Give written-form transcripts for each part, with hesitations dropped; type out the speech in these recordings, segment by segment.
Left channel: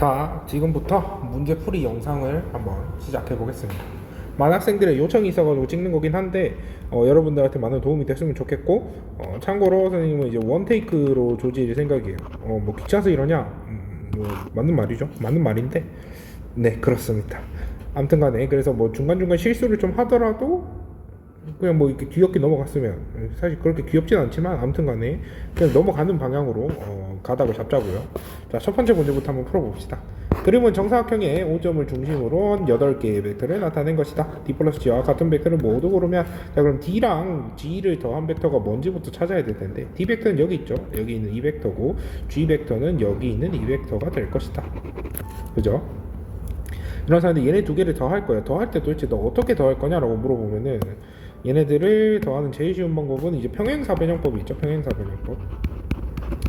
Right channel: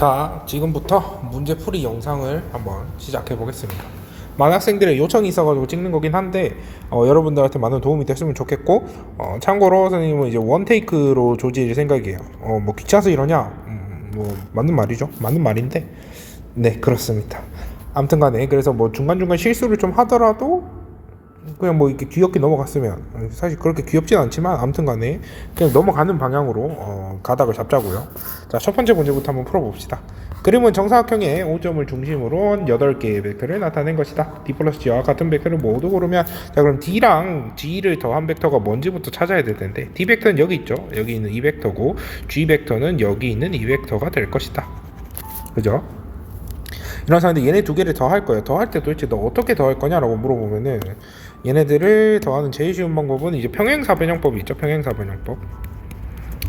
자, 지금부터 문제풀이 영상을 한번 시작해 보겠습니다. 많은 학생들의 요청이 있어가지고 찍는 거긴 한데 여러분들한테 많은 도움이 됐으면 좋겠고, 참고로 선생님은 이제 원테이크로 조질 생각이에요. 뭐 귀찮아서 이러냐? 뭐 맞는 말이죠. 맞는 말인데, 네, 그렇습니다. 아무튼간에 그래서 뭐 중간중간 실수를 좀 하더라도 그냥 뭐 이렇게 귀엽게 넘어갔으면, 사실 그렇게 귀엽진 않지만 아무튼간에 그냥 넘어가는 방향으로 가닥을 잡자고요. 자, 첫 번째 문제부터 한번 풀어봅시다. 그림은 정사각형의 O점을 중심으로 8개의 벡터를 나타낸 것이다. D 플러스 G와 같은 벡터를 모두 고르면, 자, 그럼 D랑 G를 더한 벡터가 뭔지부터 찾아야 될 텐데, D 벡터는 여기 있죠. 여기 있는 이 벡터고, G 벡터는 여기 있는 이 벡터가 될 것이다. 그죠? 이런 상황인데 얘네 두 개를 더할 거예요. 더할 때 도대체 너 어떻게 더할 거냐라고 물어보면은, 얘네들을 더하는 제일 쉬운 방법은 이제 평행사변형법이 있죠. 평행사변형법.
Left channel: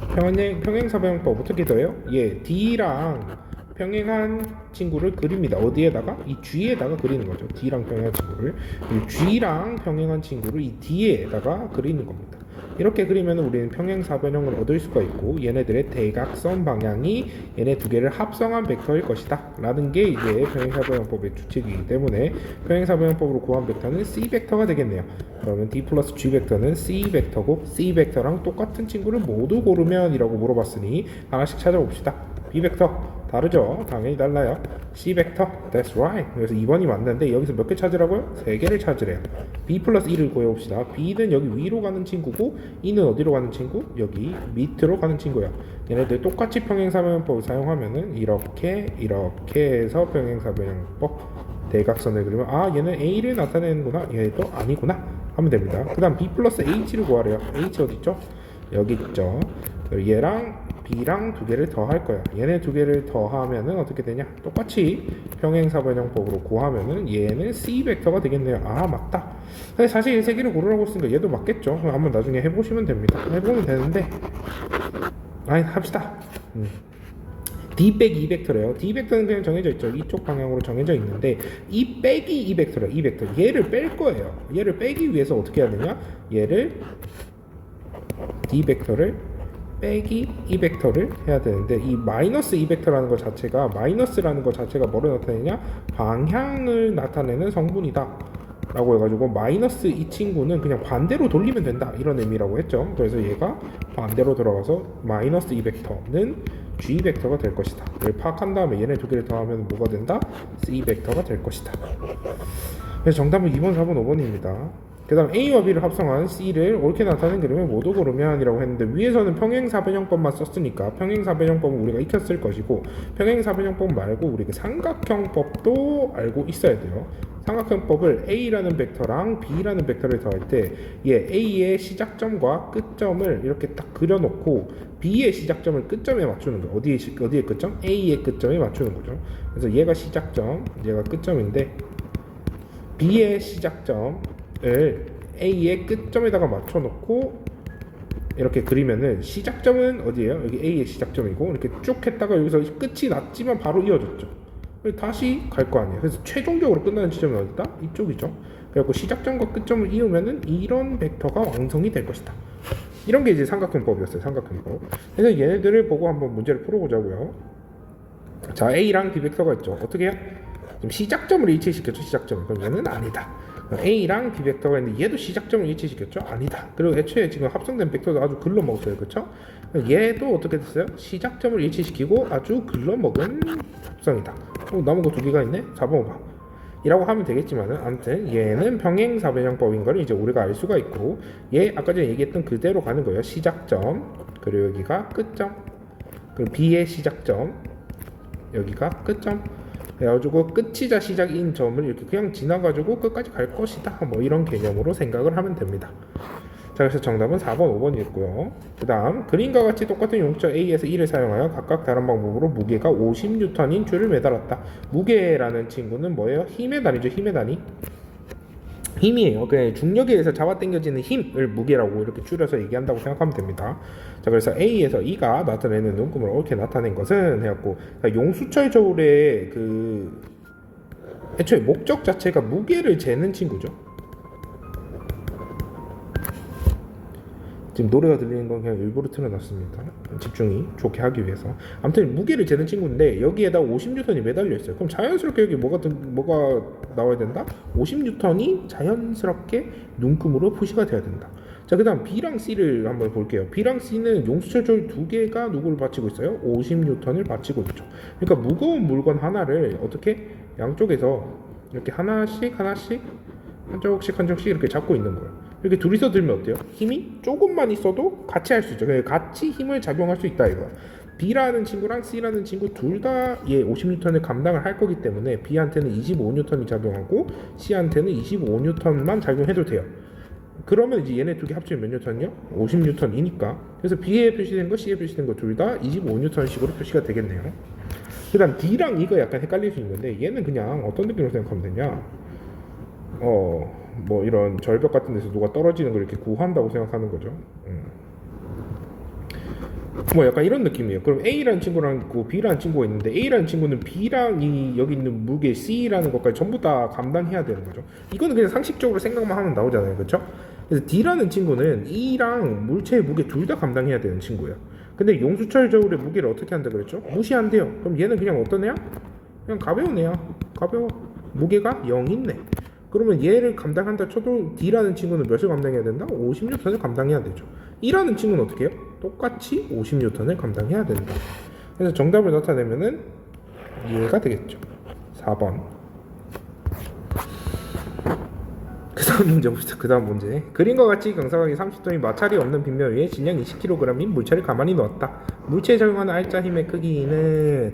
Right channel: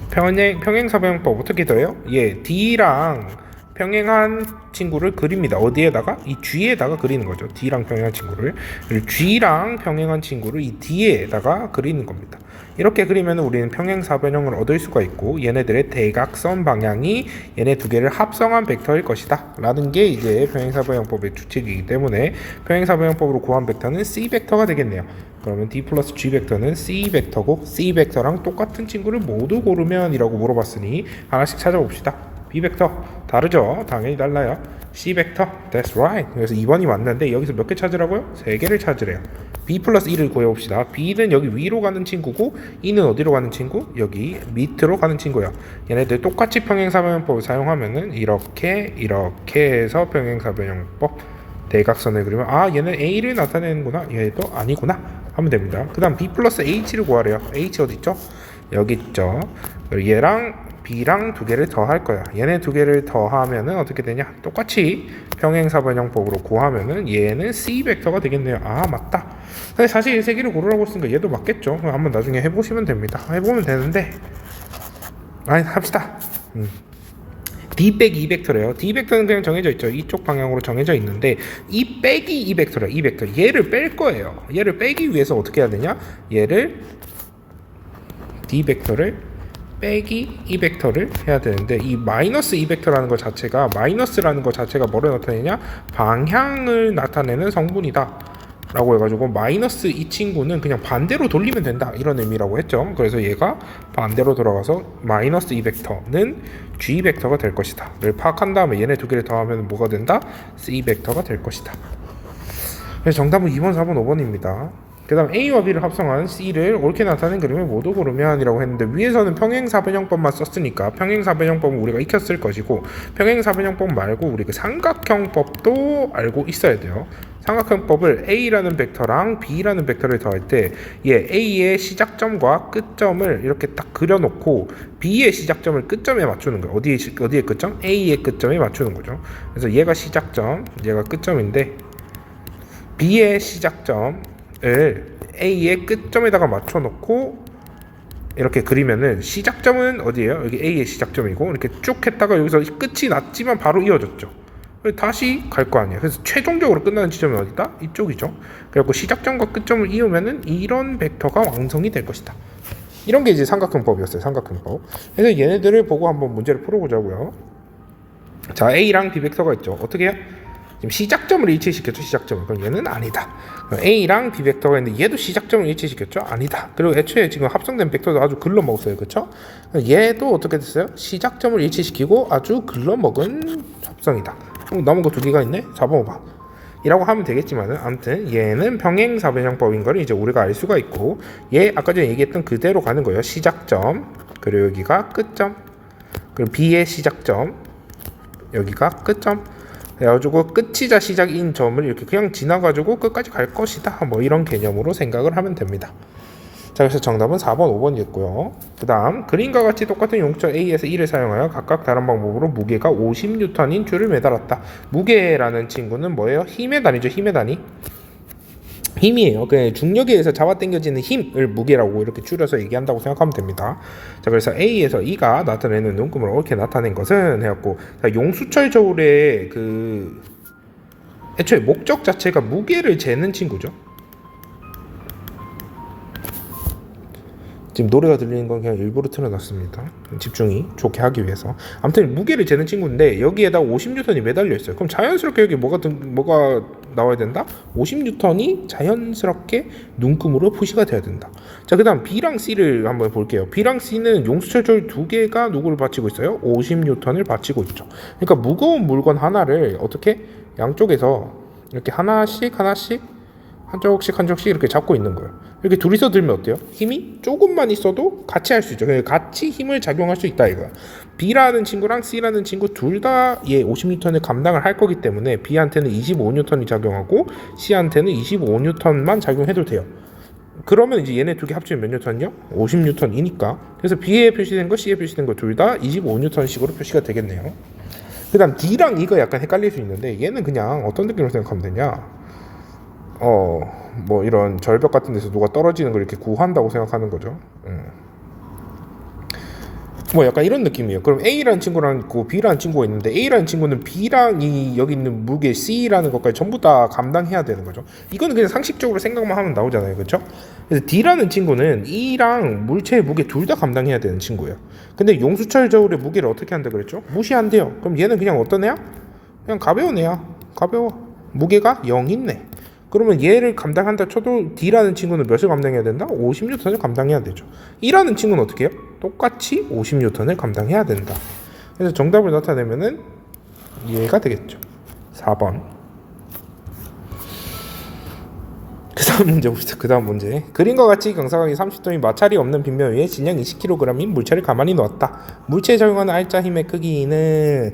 평행사변형법 어떻게 더해요? D랑 평행한 친구를 그립니다. 어디에다가? 이 G에다가 그리는 거죠. D랑 평행한 친구를. 그리고 G랑 평행한 친구를 이 D에다가 그리는 겁니다. 이렇게 그리면 우리는 평행사변형을 얻을 수가 있고, 얘네들의 대각선 방향이 얘네 두 개를 합성한 벡터일 것이다 라는 게 이제 평행사변형법의 추측이기 때문에, 평행사변형법으로 구한 벡터는 C 벡터가 되겠네요. 그러면 D 플러스 G 벡터는 C 벡터고, C 벡터랑 똑같은 친구를 모두 고르면 이라고 물어봤으니 하나씩 찾아봅시다. B 벡터 다르죠? 당연히 달라요. C 벡터, that's right. 그래서 2번이 맞는데 여기서 몇 개 찾으라고요? 3개를 찾으래요. B 플러스 1을 구해봅시다. B는 여기 위로 가는 친구고, E는 어디로 가는 친구? 여기 밑으로 가는 친구야. 얘네들 똑같이 평행사변형법을 사용하면은 이렇게 해서 평행사변형법 대각선을 그리면, 얘는 A를 나타내는구나, 얘도 아니구나 하면 됩니다. 그 다음 B 플러스 H를 구하래요. H 어디 있죠? 여기 있죠. 얘랑 B랑 두 개를 더할 거야. 얘네 두 개를 더하면은 어떻게 되냐? 똑같이 평행사변형법으로 구하면은 얘는 C 벡터가 되겠네요. 맞다. 근데 사실 이 세 개를 고르라고 했으니까 얘도 맞겠죠. 한번 나중에 해보시면 됩니다. 해보면 되는데, 합시다. D 빼기 2 벡터래요. D 벡터는 그냥 정해져 있죠. 이쪽 방향으로 정해져 있는데, 이 빼기 2 벡터래요. 이 벡터. 얘를 뺄 거예요. 얘를 빼기 위해서 어떻게 해야 되냐? 얘를 D 벡터를 빼기 2 벡터를 해야 되는데, 이 마이너스 2 벡터라는 것 자체가, 마이너스라는 것 자체가 뭐를 나타내냐? 방향을 나타내는 성분이다 라고 해가지고, 마이너스 이 친구는 그냥 반대로 돌리면 된다 이런 의미라고 했죠. 그래서 얘가 반대로 돌아가서 마이너스 2 벡터는 G 벡터가 될 것이다 를 파악한 다음에 얘네 두 개를 더하면 뭐가 된다? C 벡터가 될 것이다. 그래서 정답은 2번, 4번, 5번입니다. 그 다음 A와 B를 합성한 C를 옳게 나타낸 그림을 모두 고르면 이라고 했는데, 위에서는 평행사변형법만 썼으니까 평행사변형법은 우리가 익혔을 것이고, 평행사변형법 말고 우리 그 삼각형법도 알고 있어야 돼요. 삼각형법을 A라는 벡터랑 B라는 벡터를 더할 때, A의 시작점과 끝점을 이렇게 딱 그려놓고 B의 시작점을 끝점에 맞추는 거예요. 어디의 끝점? A의 끝점에 맞추는 거죠. 그래서 얘가 시작점, 얘가 끝점인데, B의 시작점 A의 끝점에다가 맞춰놓고 이렇게 그리면은, 시작점은 어디예요? 여기 A의 시작점이고, 이렇게 쭉 했다가 여기서 끝이 났지만 바로 이어졌죠. 다시 갈 거 아니에요. 그래서 최종적으로 끝나는 지점은 어디다? 이쪽이죠. 그래갖고 시작점과 끝점을 이으면은 이런 벡터가 완성이 될 것이다. 이런 게 이제 삼각형법이었어요. 삼각형법. 그래서 얘네들을 보고 한번 문제를 풀어보자고요. 자, A랑 B 벡터가 있죠. 어떻게 해요? 지금 시작점을 일치시켰죠. 시작점을. 그럼 얘는 아니다. A랑 B 벡터가 있는데 얘도 시작점을 일치시켰죠? 아니다. 그리고 애초에 지금 합성된 벡터도 아주 글러먹었어요. 그쵸? 얘도 어떻게 됐어요? 시작점을 일치시키고 아주 글러먹은 합성이다. 남은 거 두 개가 있네? 4번 5번 이라고 하면 되겠지만은, 아무튼 얘는 평행사변형법인 걸 이제 우리가 알 수가 있고, 얘 아까 전에 얘기했던 그대로 가는 거예요. 시작점, 그리고 여기가 끝점, 그리고 B의 시작점, 여기가 끝점, 그래가지고 끝이자 시작인 점을 이렇게 그냥 지나가지고 끝까지 갈 것이다, 뭐 이런 개념으로 생각을 하면 됩니다. 자, 그래서 정답은 4번, 5번이었고요. 그 다음, 그림과 같이 똑같은 용처 A에서 E를 사용하여 각각 다른 방법으로 무게가 50N인 줄을 매달았다. 무게라는 친구는 뭐예요? 힘의 단위죠. 힘의 단위. 힘이에요. 그 중력에 의해서 잡아당겨지는 힘을 무게라고 이렇게 줄여서 얘기한다고 생각하면 됩니다. 자, 그래서 A에서 E가 나타내는 눈금을 옳게 나타낸 것은 해갖고, 용수철 저울의 그 애초에 목적 자체가 무게를 재는 친구죠. 지금 노래가 들리는 건 그냥 일부러 틀어놨습니다. 집중이 좋게 하기 위해서. 아무튼 무게를 재는 친구인데 여기에다 50N이 매달려 있어요. 그럼 자연스럽게 여기 뭐가 나와야 된다? 50N이 자연스럽게 눈금으로 표시가 돼야 된다. 자, 그 다음 B랑 C를 한번 볼게요. B랑 C는 용수철 두 개가 누구를 받치고 있어요? 50N을 받치고 있죠. 그러니까 무거운 물건 하나를 어떻게 양쪽에서 이렇게 하나씩 한쪽씩 이렇게 잡고 있는 거예요. 이렇게 둘이서 들면 어때요? 힘이 조금만 있어도 같이 할 수 있죠. 같이 힘을 작용할 수 있다 이거야. B라는 친구랑 C라는 친구 둘 다 얘 50N을 감당을 할 거기 때문에 B한테는 25N이 작용하고 C한테는 25N만 작용해도 돼요. 그러면 이제 얘네 두 개 합치면 몇 N이요? 50N이니까. 그래서 B에 표시된 거, C에 표시된 거 둘 다 25N씩으로 표시가 되겠네요. 그 다음 D랑 E가 약간 헷갈릴 수 있는데 얘는 그냥 어떤 느낌으로 생각하면 되냐, 뭐 이런 절벽 같은 데서 누가 떨어지는 걸 이렇게 구한다고 생각하는 거죠. 뭐 약간 이런 느낌이에요. 그럼 A라는 친구랑 있고 B라는 친구가 있는데 A라는 친구는 B랑 이 여기 있는 무게 C라는 것까지 전부 다 감당해야 되는 거죠. 이거는 그냥 상식적으로 생각만 하면 나오잖아요, 그렇죠? 그래서 D라는 친구는 E랑 물체의 무게 둘 다 감당해야 되는 친구예요. 근데 용수철 저울의 무게를 어떻게 한다 그랬죠? 무시한대요. 그럼 얘는 그냥 어떤 애야? 그냥 가벼운 애야. 가벼워. 무게가 0이네. 그러면 얘를 감당한다 쳐도 D라는 친구는 몇을 감당해야 된다? 50N을 감당해야 되죠. E라는 친구는 어떻게 해요? 똑같이 50N을 감당해야 된다. 그래서 정답을 나타내면은 얘가 되겠죠. 4번. 그 다음 문제. 그림과 같이 경사각이 30도인 마찰이 없는 빗면 위에 질량 20kg인 물체를 가만히 놓았다. 물체에 적용하는 알짜 힘의 크기는,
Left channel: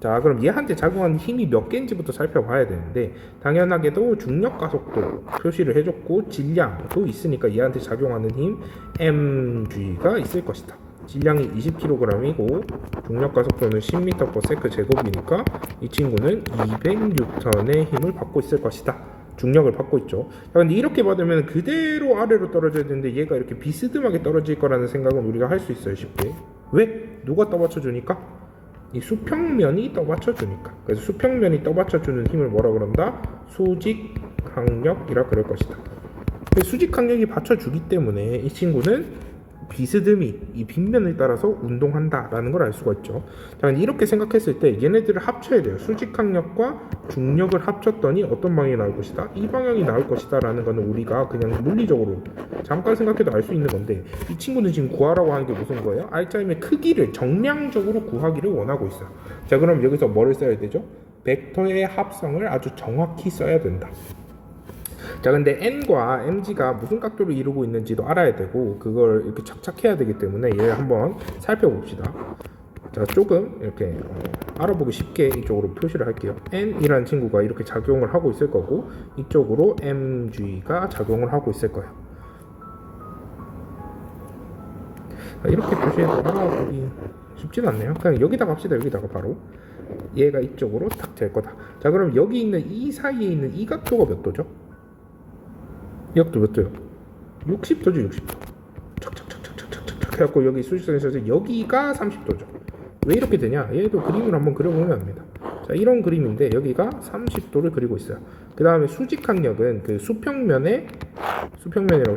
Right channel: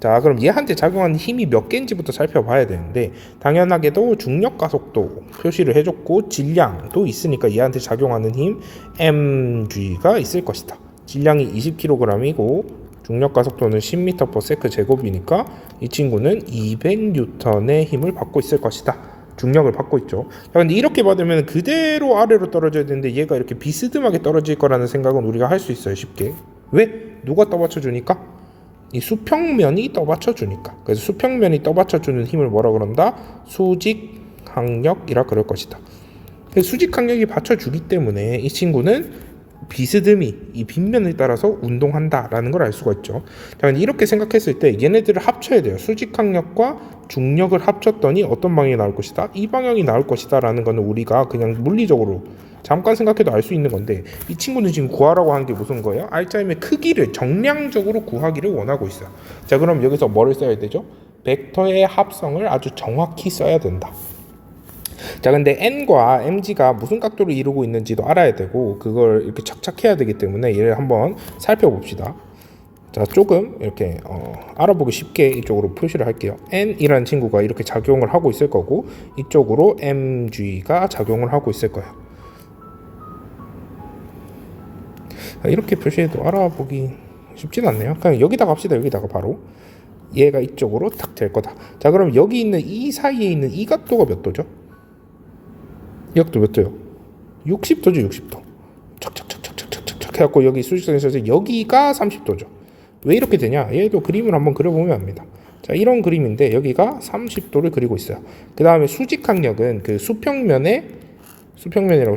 자, 그럼 얘한테 작용하는 힘이 몇 개인지부터 살펴봐야 되는데, 당연하게도 중력 가속도 표시를 해줬고 질량도 있으니까 얘한테 작용하는 힘 mg가 있을 것이다. 질량이 20kg이고 중력 가속도는 10m/s 제곱이니까 이 친구는 200N의 힘을 받고 있을 것이다. 중력을 받고 있죠. 자, 근데 이렇게 받으면 그대로 아래로 떨어져야 되는데 얘가 이렇게 비스듬하게 떨어질 거라는 생각은 우리가 할 수 있어요, 쉽게. 왜? 누가 떠받쳐주니까? 이 수평면이 떠받쳐주니까. 그래서 수평면이 떠받쳐주는 힘을 뭐라 그런다? 수직항력이라 그럴 것이다. 수직항력이 받쳐주기 때문에 이 친구는 비스듬히 이 빗면을 따라서 운동한다라는 걸 알 수가 있죠. 자, 이렇게 생각했을 때 얘네들을 합쳐야 돼요. 수직항력과 중력을 합쳤더니 어떤 방향이 나올 것이다? 이 방향이 나올 것이다 라는 거는 우리가 그냥 물리적으로 잠깐 생각해도 알 수 있는 건데, 이 친구는 지금 구하라고 하는 게 무슨 거예요? 알짜힘의 크기를 정량적으로 구하기를 원하고 있어요. 자, 그럼 여기서 뭐를 써야 되죠? 벡터의 합성을 아주 정확히 써야 된다. 자, 근데 n과 mg가 무슨 각도를 이루고 있는지도 알아야 되고 그걸 이렇게 착착해야 되기 때문에 얘를 한번 살펴봅시다. 자, 조금 이렇게 알아보기 쉽게 이쪽으로 표시를 할게요. n이라는 친구가 이렇게 작용을 하고 있을 거고 이쪽으로 mg가 작용을 하고 있을 거예요. 이렇게 표시해도 알아보기 쉽진 않네요. 그냥 여기다가 합시다. 여기다가 바로 얘가 이쪽으로 탁 될 거다. 자, 그럼 여기 있는 이 사이에 있는 이 각도가 몇 도죠? 이 각도 몇 도요? 60도죠. 60도. 착착착착착착착 해갖고 여기 수직선에서 여기가 30도죠. 왜 이렇게 되냐? 얘도 그림을 한번 그려보면 압니다. 자, 이런 그림인데 여기가 30도를 그리고 있어요. 그 다음에 수직항력은 그 수평면이라고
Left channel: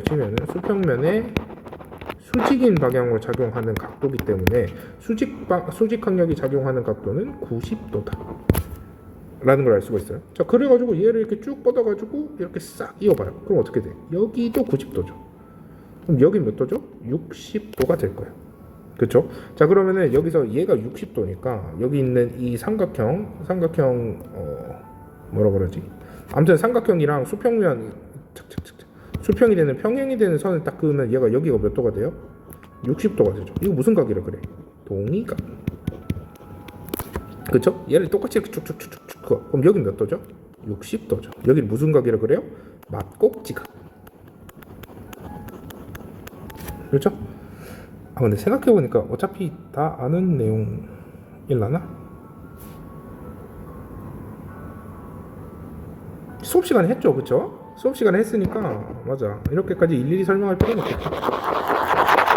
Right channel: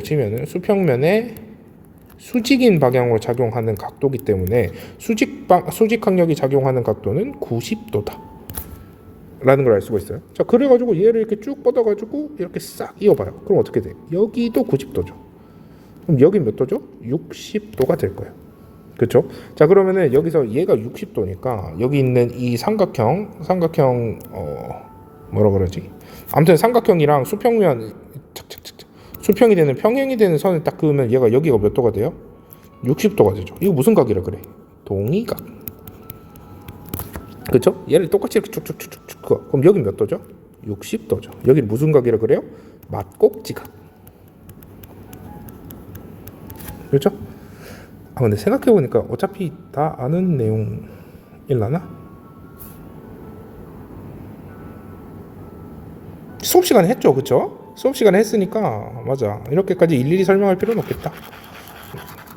치면은 수평면에 수직인 방향으로 작용하는 각도이기 때문에 수직항력이 작용하는 각도는 90도다. 라는 걸 알 수가 있어요. 자, 그래가지고 얘를 이렇게 쭉 뻗어가지고 이렇게 싹 이어봐요. 그럼 어떻게 돼? 여기도 90도죠. 그럼 여기 몇 도죠? 60도가 될 거예요. 그렇죠? 자, 그러면은 여기서 얘가 60도니까 여기 있는 이 삼각형 뭐라 그러지? 아무튼 삼각형이랑 수평면 수평이 되는 평행이 되는 선을 딱 그으면 얘가 여기가 몇 도가 돼요? 60도가 되죠. 이거 무슨 각이라 그래? 동의각. 그렇죠? 얘를 똑같이 이렇게 쭉쭉쭉쭉 그럼 여기 몇 도죠? 60도죠. 여기는 무슨 각이라 그래요? 막꼭지각. 그렇죠? 아, 근데 생각해보니까 어차피 다 아는 내용일라나? 수업 시간에 했죠, 그렇죠? 수업 시간에 했으니까 맞아. 이렇게까지 일일이 설명할 필요는 없겠다.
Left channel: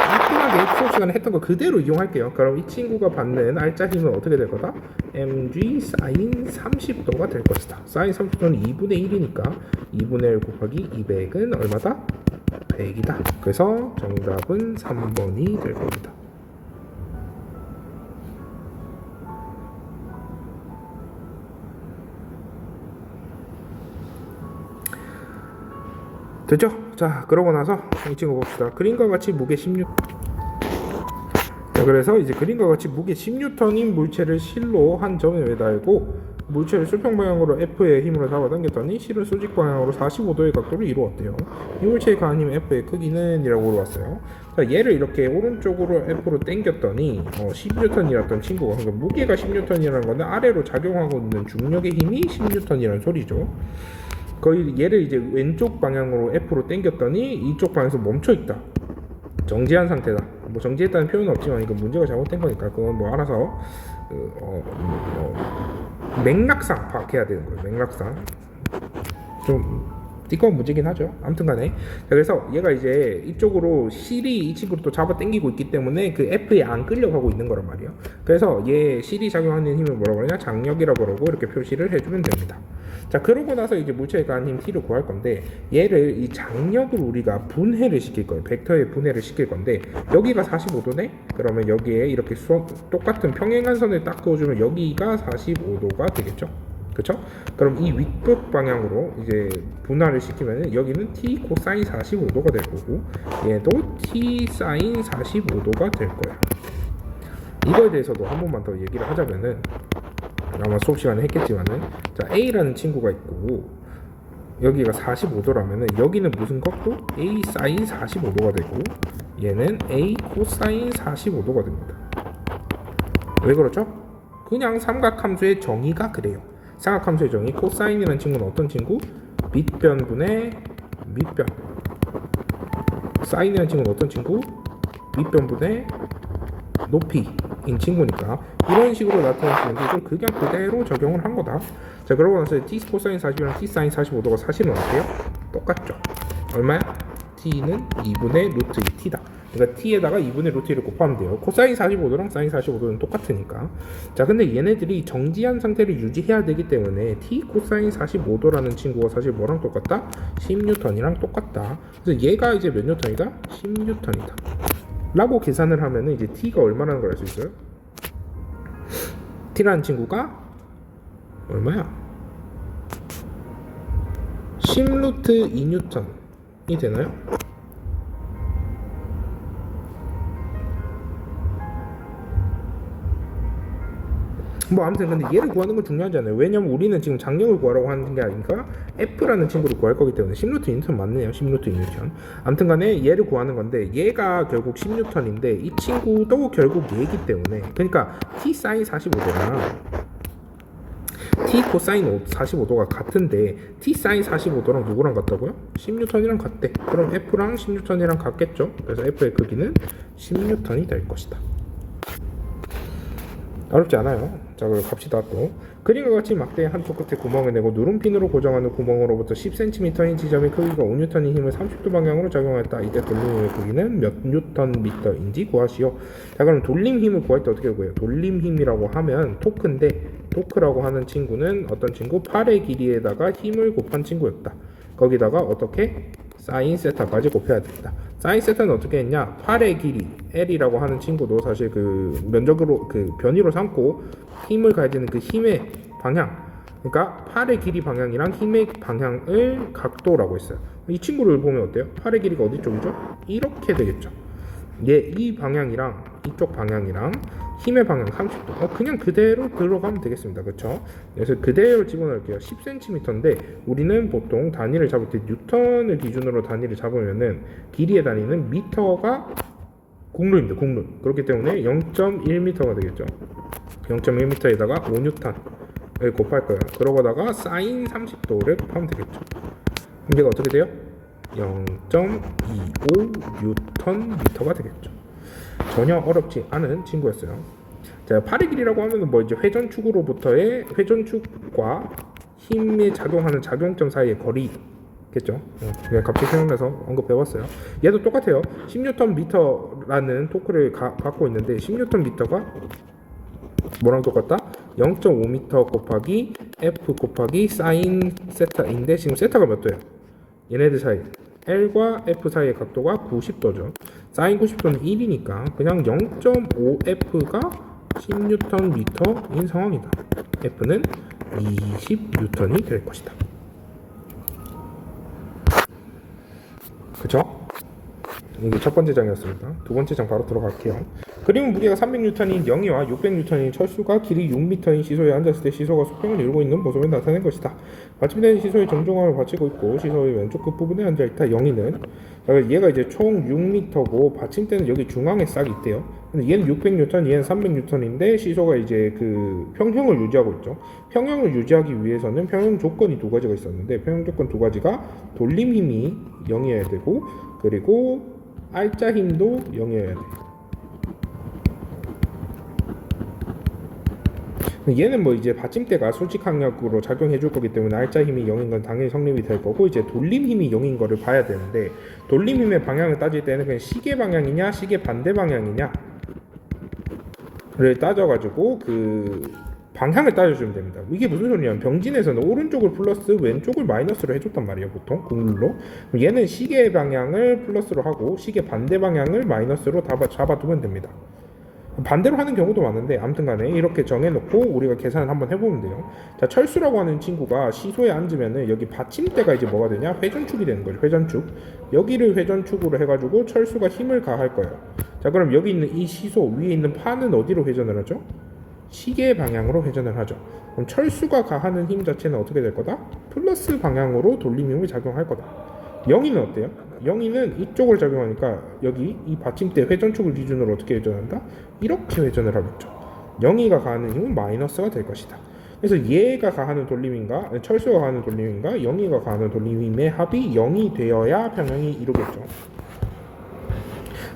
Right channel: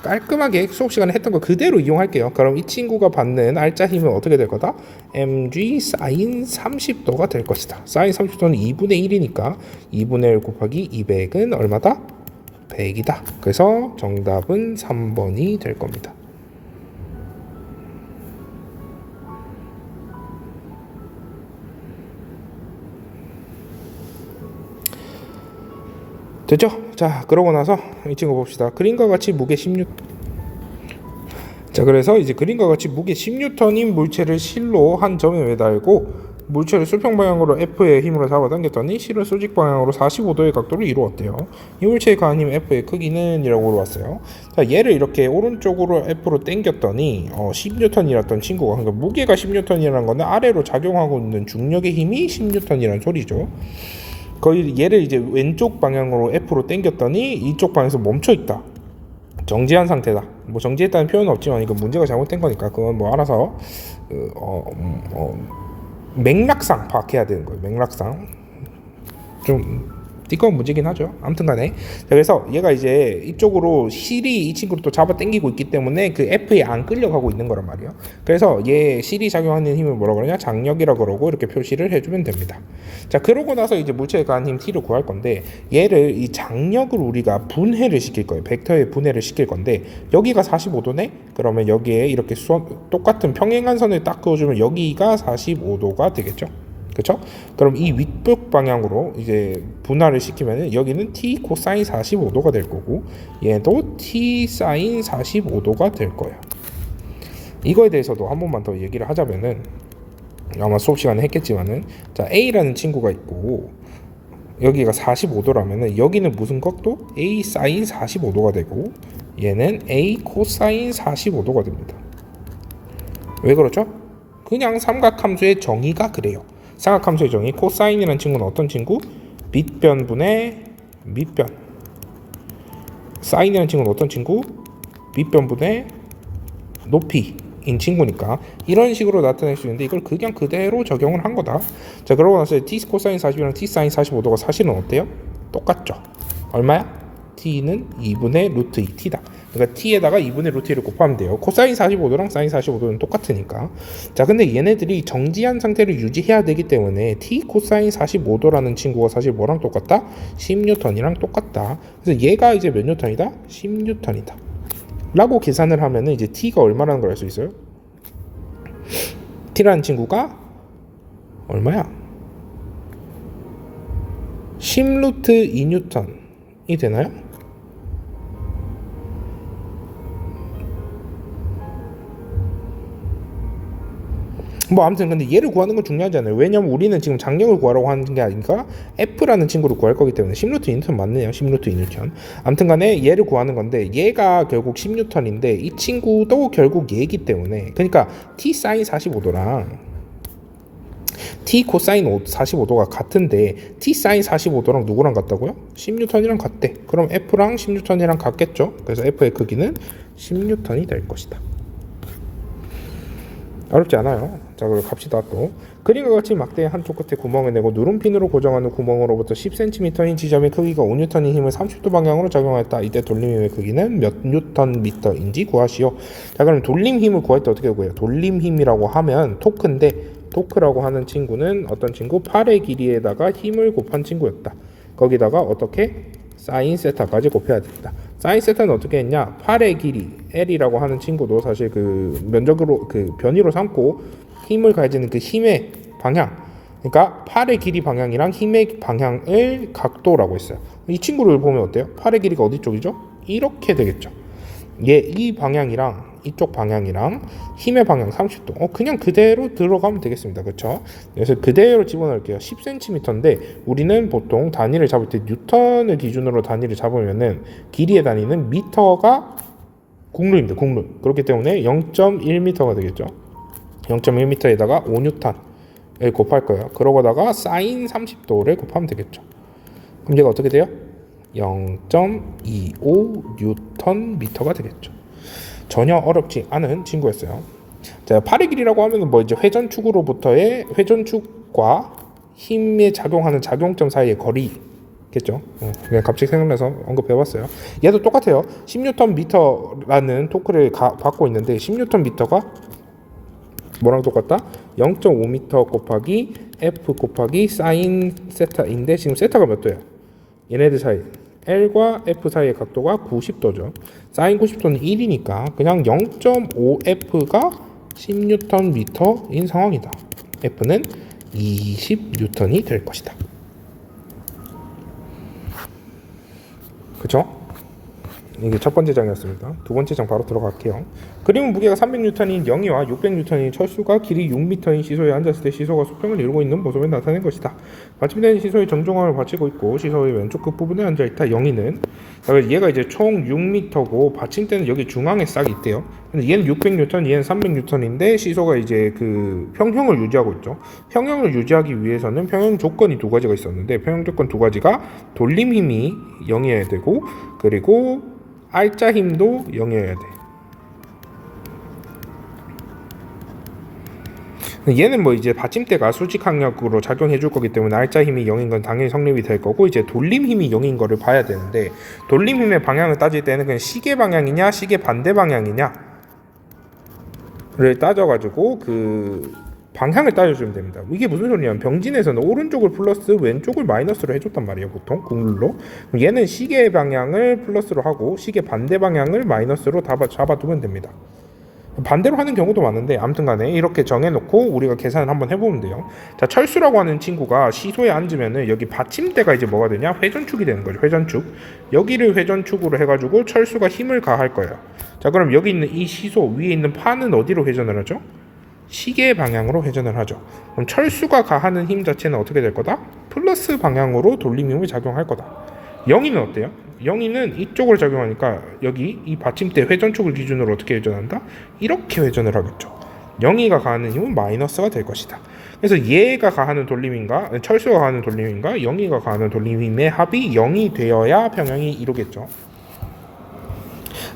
깔끔하게 수업 시간에 했던 거 그대로 이용할게요. 그럼 이 친구가 받는 알짜 힘은 어떻게 될 거다? mg sin 30도가 될 것이다. sin 30도는 2분의 1이니까 2분의 1 곱하기 200은 얼마다? 100이다. 그래서 정답은 3번이 될 겁니다. 됐죠? 자, 그러고 나서 이 친구 봅시다. 그림과 같이 무게 16. 자, 그래서 이제 그림과 같이 무게 10N인 물체를 실로 한 점에 매달고 물체를 수평 방향으로 F의 힘으로 잡아당겼더니 실은 수직 방향으로 45도의 각도를 이루었대요. 이 물체의 가한 힘 F의 크기는? 이라고 물어봤어요. 자, 얘를 이렇게 오른쪽으로 F로 당겼더니 10N이었던 친구가, 그러니까 무게가 10N이라는 건데 아래로 작용하고 있는 중력의 힘이 10N이라는 소리죠. 거의 얘를 이제 왼쪽 방향으로 F로 당겼더니 이쪽 방향에서 멈춰 있다. 정지한 상태다. 뭐 정지했다는 표현은 없지만 이거 문제가 잘못된 거니까 그건 뭐 알아서 맥락상 파악해야 되는 거예요. 맥락상 좀 띠꺼운 문제긴 하죠. 아무튼간에 그래서 얘가 이제 이쪽으로 실이 이 친구를 또 잡아 당기고 있기 때문에 그 F에 안 끌려가고 있는 거란 말이에요. 그래서 얘 실이 작용하는 힘을 뭐라고 그러냐? 장력이라고 그러고 이렇게 표시를 해주면 됩니다. 자, 그러고 나서 이제 물체에 가한 힘 T를 구할 건데 얘를 이 장력을 우리가 분해를 시킬 거예요. 벡터에 분해를 시킬 건데 여기가 45도네? 그러면 여기에 이렇게 똑같은 평행한 선을 딱 그어주면 여기가 45도가 되겠죠. 그렇죠? 그럼 이 윗벽 방향으로 이제 분할을 시키면 여기는 t 코사인 45도가 될 거고 얘도 t 사인 45도가 될 거예요. 이거에 대해서도 한 번만 더 얘기를 하자면은 아마 수업 시간에 했겠지만은 자, A라는 친구가 있고 여기가 45도라면은 여기는 무슨 각도? A 사인 45도가 되고 얘는 A 코사인 45도가 됩니다. 왜 그렇죠? 그냥 삼각함수의 정의가 그래요. 삼각함수의 정의 코사인이라는 친구는 어떤 친구? 밑변분의 밑변. 사인이라는 친구는 어떤 친구? 밑변분의 높이인 친구니까 이런 식으로 나타낼 수 있는데 이걸 그냥 그대로 적용을 한 거다. 자, 그러고 나서 t 코사인 40이랑 t 사인 45도가 사실은 어때요? 똑같죠. 얼마야? t는 2분의 루트 2t다. 그러니까 t에다가 2분의 루트 1을 곱하면 돼요. 코사인 45도랑 사인 45도는 똑같으니까. 자, 근데 얘네들이 정지한 상태를 유지해야 되기 때문에 t 코사인 45도라는 친구가 사실 뭐랑 똑같다? 10N이랑 똑같다. 그래서 얘가 이제 몇 N이다? 10N이다. 라고 계산을 하면은 이제 t가 얼마라는 걸 알 수 있어요? t라는 친구가 얼마야? 10루트 2N이 되나요? 뭐 아무튼 근데 얘를 구하는 건 중요하지 않아요. 왜냐면 우리는 지금 장력을 구하려고 하는 게 아니니까 F라는 친구를 구할 거기 때문에 10루트 2N 맞네요. 10루트 2N. 아무튼 간에 얘를 구하는 건데 얘가 결국 10N인데 이 친구도 결국 얘이기 때문에 그러니까 T 사인 45도랑 T 코사인 45도가 같은데 T 사인 45도랑 누구랑 같다고요? 10N이랑 같대. 그럼 F랑 10N이랑 같겠죠. 그래서 F의 크기는 10N이 될 것이다. 어렵지 않아요. 자, 갑시다. 또 그림과 같이 막대의 한쪽 끝에 구멍을 내고 누름핀으로 고정하는 구멍으로부터 10cm인 지점의 크기가 5N의 힘을 30도 방향으로 작용하였다. 이때 돌림힘의 크기는 몇 Nm인지 구하시오. 자, 그럼 돌림힘을 구할 때 어떻게 구해요? 돌림힘이라고 하면 토크인데 토크라고 하는 친구는 어떤 친구? 팔의 길이에다가 힘을 곱한 친구였다. 거기다가 어떻게? 사인 세타까지 곱해야 된다. 사인 세타는 어떻게 했냐? 팔의 길이 L이라고 하는 친구도 사실 그 면적으로 그 변위로 삼고 힘을 가지는 그 힘의 방향, 그러니까 팔의 길이 방향이랑 힘의 방향을 각도라고 했어요. 이 친구를 보면 어때요? 팔의 길이가 어디 쪽이죠? 이렇게 되겠죠. 이 방향이랑 이쪽 방향이랑 힘의 방향 30도. 그냥 그대로 들어가면 되겠습니다. 그렇죠? 그래서 그대로 집어넣을게요. 10cm인데 우리는 보통 단위를 잡을 때 뉴턴을 기준으로 단위를 잡으면은 길이의 단위는 미터가 국룰입니다. 국룰. 그렇기 때문에 0.1m가 되겠죠. 0.1m에다가 5N을 곱할 거예요. 그러고다가 사인 30도를 곱하면 되겠죠. 그럼 얘가 어떻게 돼요? 0.25Nm가 되겠죠. 전혀 어렵지 않은 친구였어요. 자, 팔의 길이라고 하면은 뭐 이제 회전축으로부터의 회전축과 힘에 작용하는 작용점 사이의 거리겠죠. 그냥 갑자기 생각나서 언급해봤어요. 얘도 똑같아요. 10Nm라는 토크를 받고 있는데 10Nm가 뭐랑 똑같다? 0.5m 곱하기 F 곱하기 사인 세타인데 지금 세타가 몇 도야? 얘네들 사이 L과 F 사이의 각도가 90도죠. 사인 90도는 1이니까 그냥 0.5F가 10Nm인 상황이다. F는 20N이 될 것이다. 그쵸? 이게 첫 번째 장이었습니다. 두 번째 장 바로 들어갈게요. 그림은 무게가 300N인 영희와 600N인 철수가 길이 6m인 시소에 앉았을 때 시소가 수평을 이루고 있는 모습을 나타낸 것이다. 받침대는 시소의 정중앙을 받치고 있고 시소의 왼쪽 끝부분에 앉아있다. 영희는 얘가 이제 총 6m고 받침대는 여기 중앙에 싹 있대요. 근데 얘는 600N, 얘는 300N인데 시소가 이제 그 평형을 유지하고 있죠. 평형을 유지하기 위해서는 평형 조건이 두 가지가 있었는데 평형 조건 두 가지가 돌림 힘이 0이어야 되고 그리고 R자 힘도 0이어야 돼. 얘는 뭐 이제 받침대가 수직 항력으로 작용해 줄 거기 때문에 R자 힘이 0인 건 당연히 성립이 될 거고 이제 돌림 힘이 0인 거를 봐야 되는데 돌림 힘의 방향을 따질 때는 그냥 시계 방향이냐 시계 반대 방향이냐를 따져가지고 그 방향을 따져주면 됩니다. 이게 무슨 소리냐면 병진에서는 오른쪽을 플러스 왼쪽을 마이너스로 해줬단 말이에요. 보통 국룰로. 얘는 시계 방향을 플러스로 하고 시계 반대 방향을 마이너스로 잡아두면 됩니다. 반대로 하는 경우도 많은데 아무튼 간에 이렇게 정해놓고 우리가 계산을 한번 해보면 돼요. 자, 철수라고 하는 친구가 시소에 앉으면은 여기 받침대가 이제 뭐가 되냐? 회전축이 되는 거죠. 회전축. 여기를 회전축으로 해가지고 철수가 힘을 가할 거예요. 자, 그럼 여기 있는 이 시소 위에 있는 판은 어디로 회전을 하죠? 시계 방향으로 회전을 하죠. 그럼 철수가 가하는 힘 자체는 어떻게 될 거다? 플러스 방향으로 돌림힘이 작용할 거다. 영희는 어때요? 영희는 이쪽으로 작용하니까 여기 이 받침대 회전축을 기준으로 어떻게 회전한다? 이렇게 회전을 하겠죠. 영희가 가하는 힘은 마이너스가 될 것이다. 그래서 얘가 가하는 돌림힘과 철수가 가하는 돌림힘과 영희가 가하는 돌림힘의 합이 0이 되어야 평형이 이루겠죠.